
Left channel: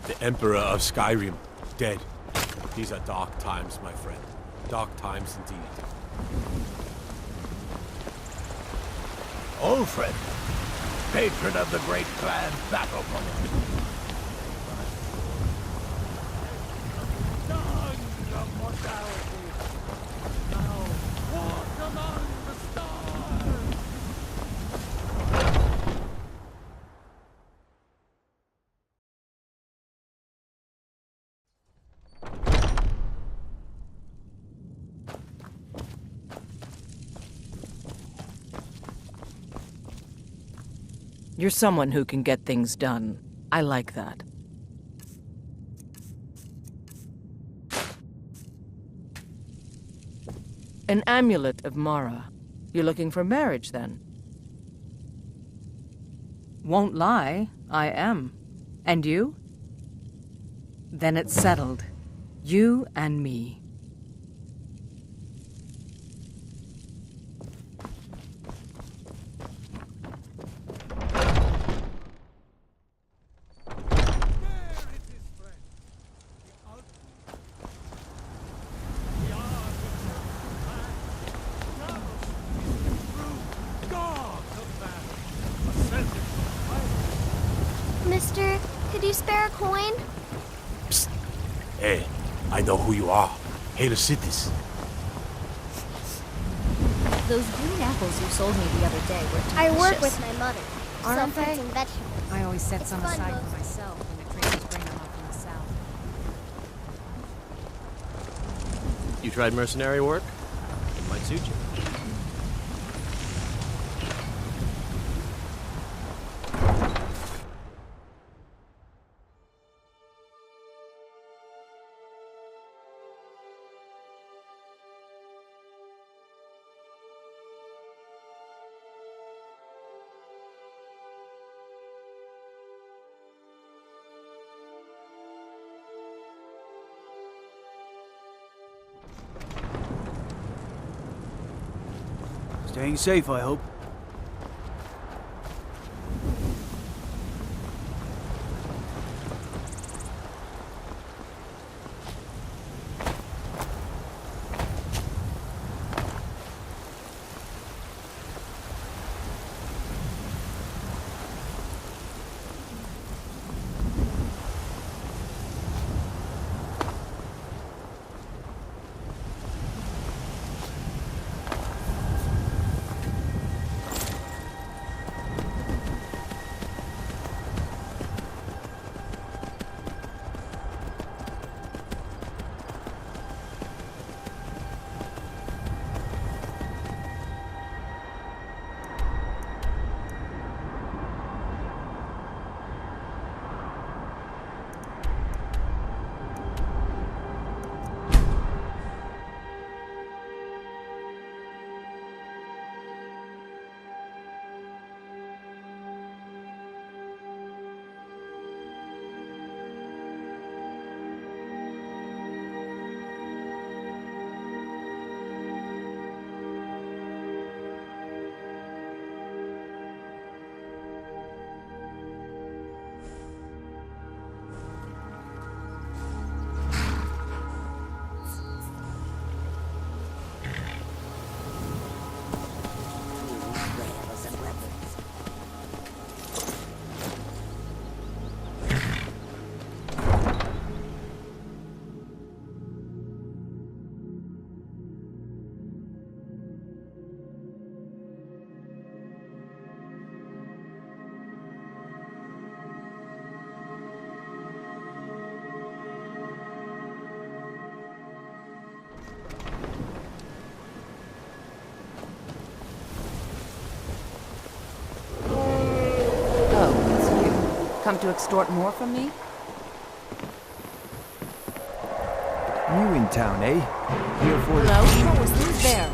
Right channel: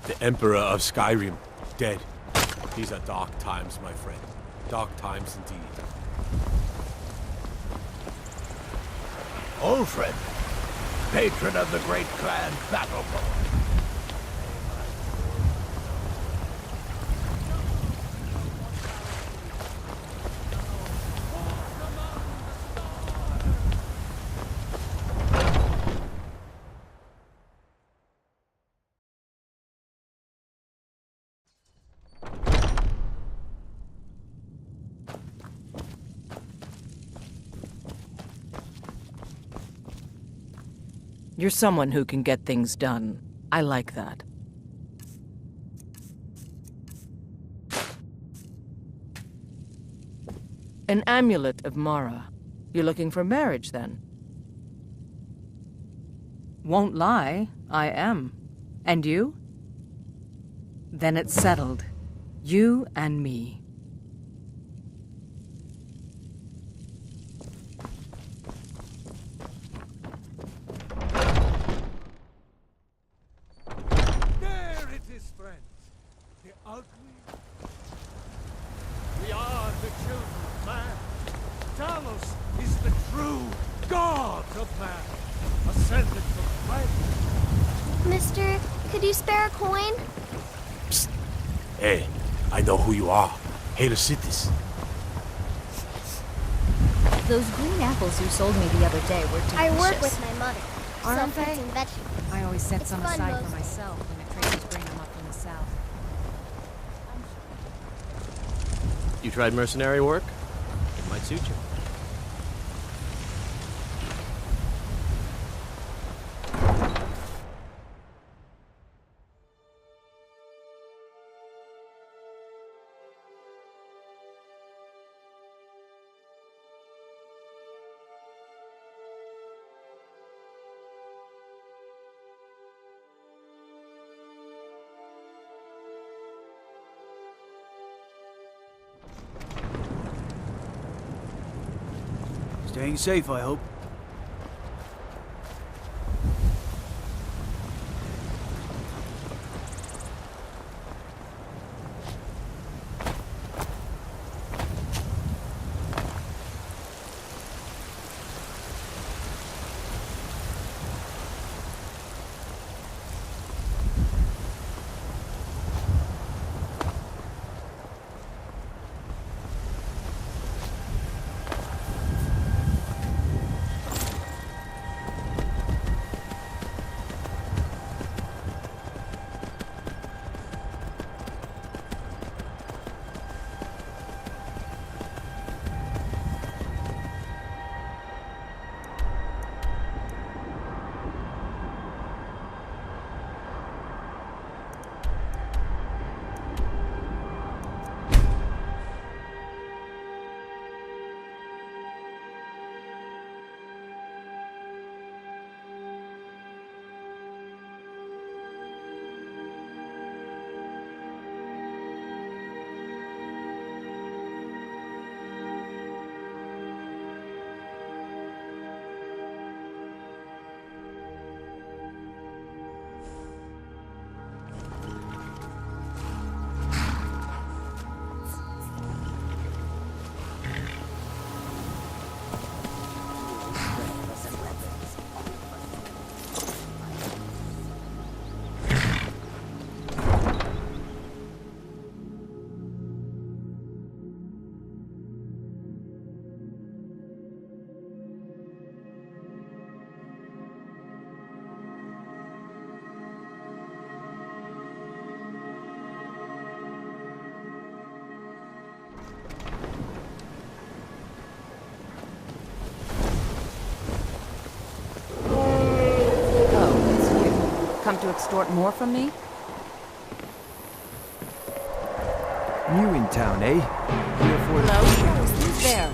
The Emperor of Skyrim, dead. These are dark times, my friend. Dark times indeed. Ulfred, patron of the great clan Battleborn. You're someone who can get things done. I like that. An amulet of Mara. You're looking for marriage, then? Won't lie, I am. And you? Then it's settled. You and me. There it is, friends. The ugly. We are the children of man. Talos is the true god of man, ascended from fire. Mister, could you spare a coin? Psst. Hey, I know who you are. Cities. Those green apples you sold me the other day were delicious. I work with my mother. Aren't Sell they? fruits and vegetables. I always set It's some fun aside mostly. for myself when the traders bring them up from the south. You tried mercenary work? It might suit you. Staying safe, I hope. Come to extort more from me? New in town, eh? Here for Hello? the... Who's there?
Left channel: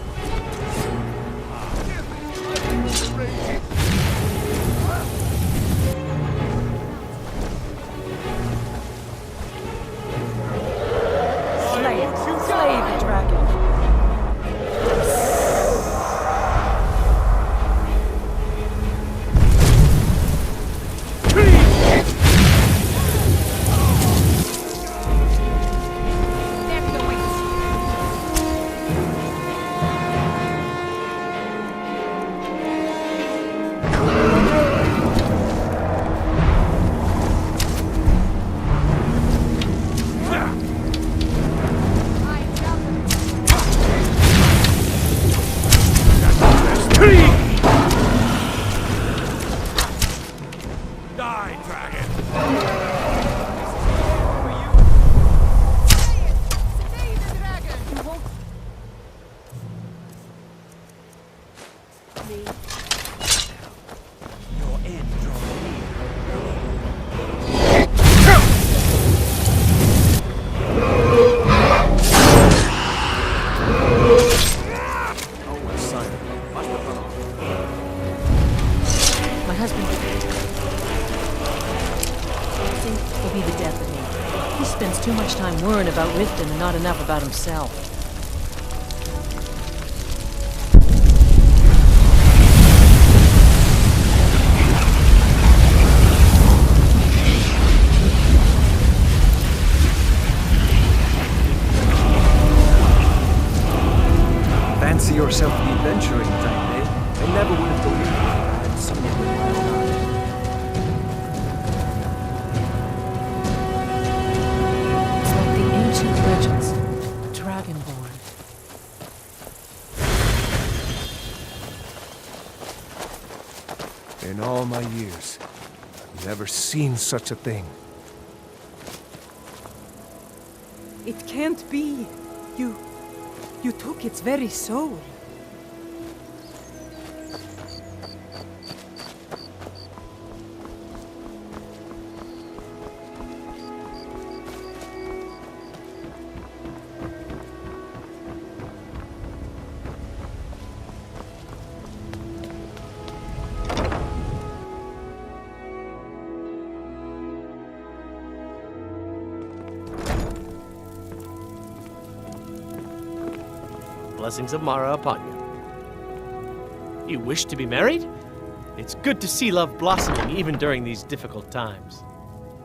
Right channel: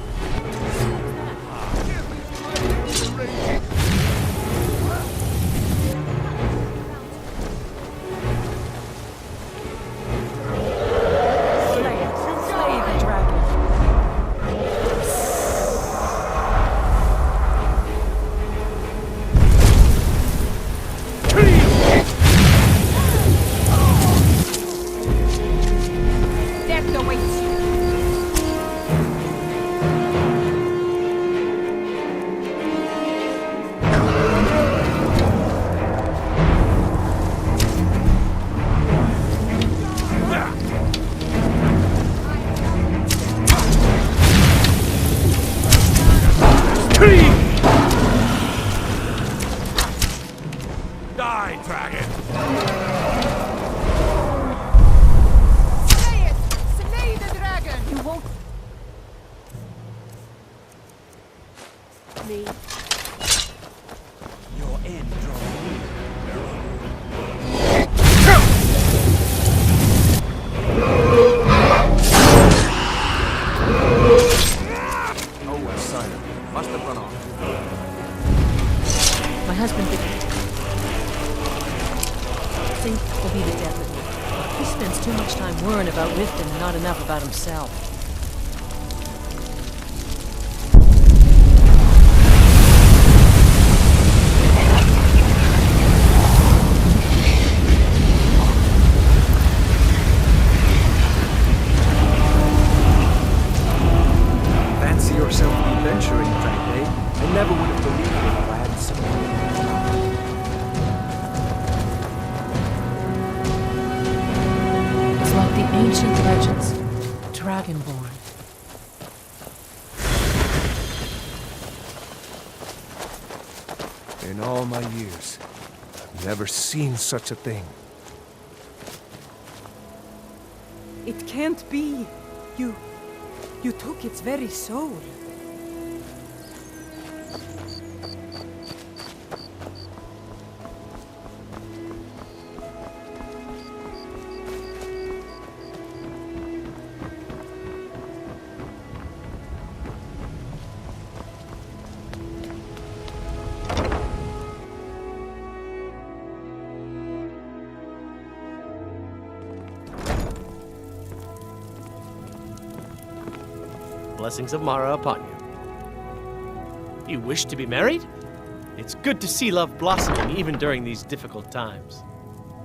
Slay the dragon. Death awaits you. My husband will be the death of me. He spends too much time worrying about Riften and not enough about himself. Fancy yourself the adventuring type, eh? I never would have believed it if I hadn't seen it with my own eyes. It's like the ancient legends. Dragonborn. In all my years, I've never seen such a thing. It can't be. You took its very soul. Blessings of Mara upon you. You wish to be married? It's good to see love blossoming even during these difficult times.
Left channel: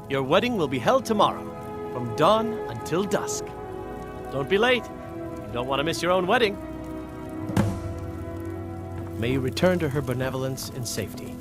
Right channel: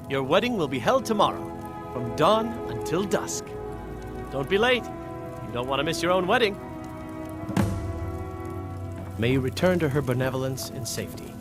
Your wedding will be held tomorrow, from dawn until dusk. Don't be late. You don't want to miss your own wedding. May you return to her benevolence in safety.